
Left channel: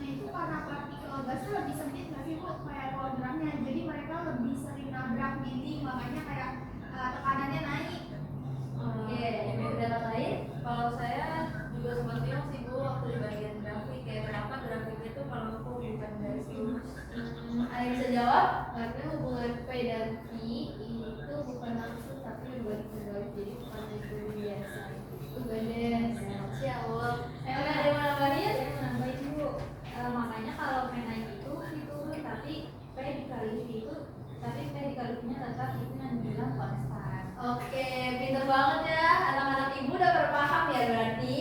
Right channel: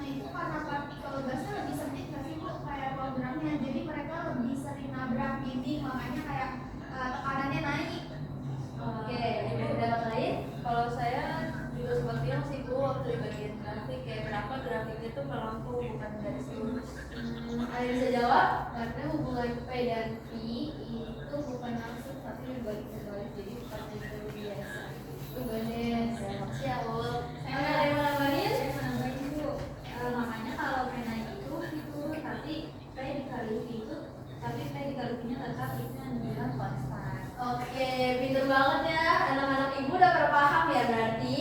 Nah itu karena partikel gasnya lebih sempit nggak sih Bu? Kayak hologramnya, jadi mereka lebih sering nabrak dinding, makanya kayak tekanannya naik. Oke, Ibu pendapat lain? Kalau saya juga sempat bilang sih Bu waktu di bagian grafik kayak kenapa grafiknya itu melengkung bukan garis lurus. Ada yang bisa jawab? Karena hubungan P dan V itu bukan langsung tapi dibalik-balik, jadi bukan itu biasa. Itu ganda. Siap, Bu. Saya Ada yang mau nambahin? Saya menambahin Bu, makanya kalau P naik itu tapi P dikali V itu, tapi P dikali V-nya tetap itu yang dibilang konstan. Oke, pinter banget ya. Anak-anak Ibu udah berpaham ya berarti.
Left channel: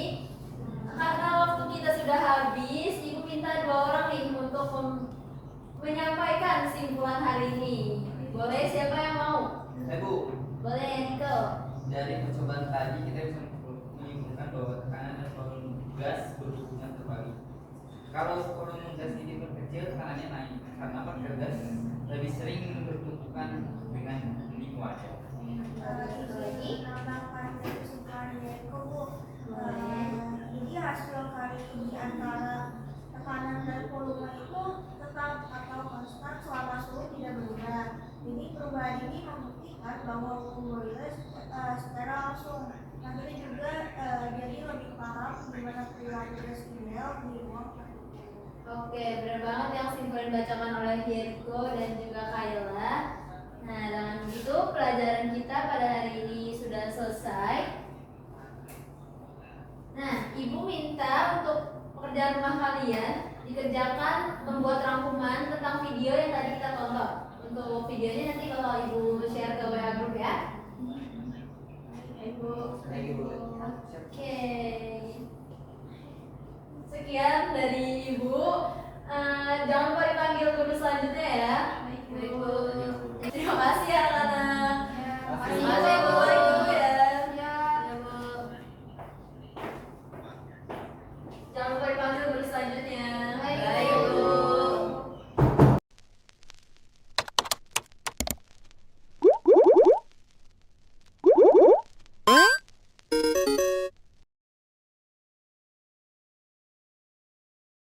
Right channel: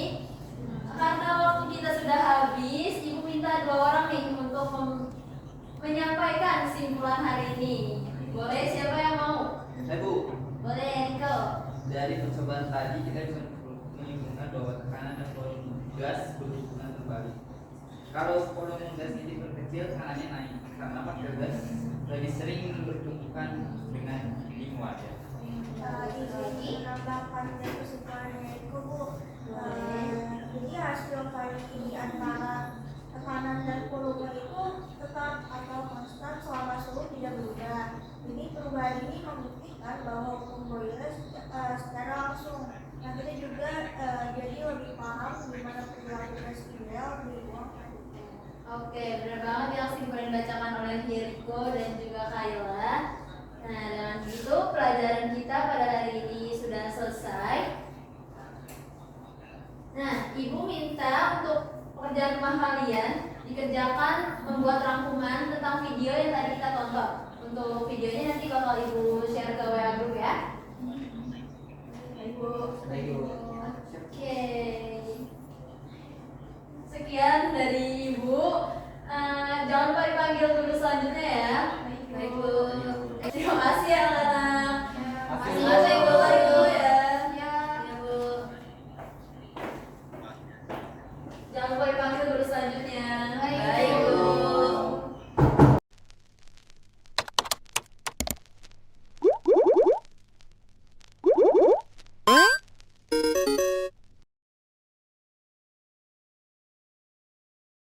Karena waktu kita sudah habis, Ibu minta 2 orang nih untuk menyampaikan kesimpulan hari ini. Boleh, siapa yang mau? Bu, Boleh, Riko. dari percobaan tadi kita bisa menyimpulkan bahwa tekanan dan volume gas berhubungan terbalik. Kalau volume gas ini berkecil, tekanannya naik. Karena partikel gas lebih sering bertumpukan dengan dinding wadah. Ini menambahkan dari kesukaannya itu Bu. Jadi rasio kali di antara tekanan dan volume itu tetap atau konstan selama suhu tidak berubah. Jadi perubahan ini membuktikan bahwa hukum Boyle secara langsung. Nah kita juga jadi lebih paham gas ideal di ruang Oke, benar banget yang Simple dibacakan oleh Jericho dan juga Kayla. Nah, dengan begitu pelajaran kita pada hari ini sudah selesai. Nah, Ibu minta untuk pekerjaan rumah kalian dikerjakan membuat rangkuman tentang video yang tadi kita tonton. Untuk videonya nanti kalau Ibu share ke WA group ya. Ibu. Oke. Sekian dari Ibu. Jangan lupa dipanggil guru selanjutnya ya.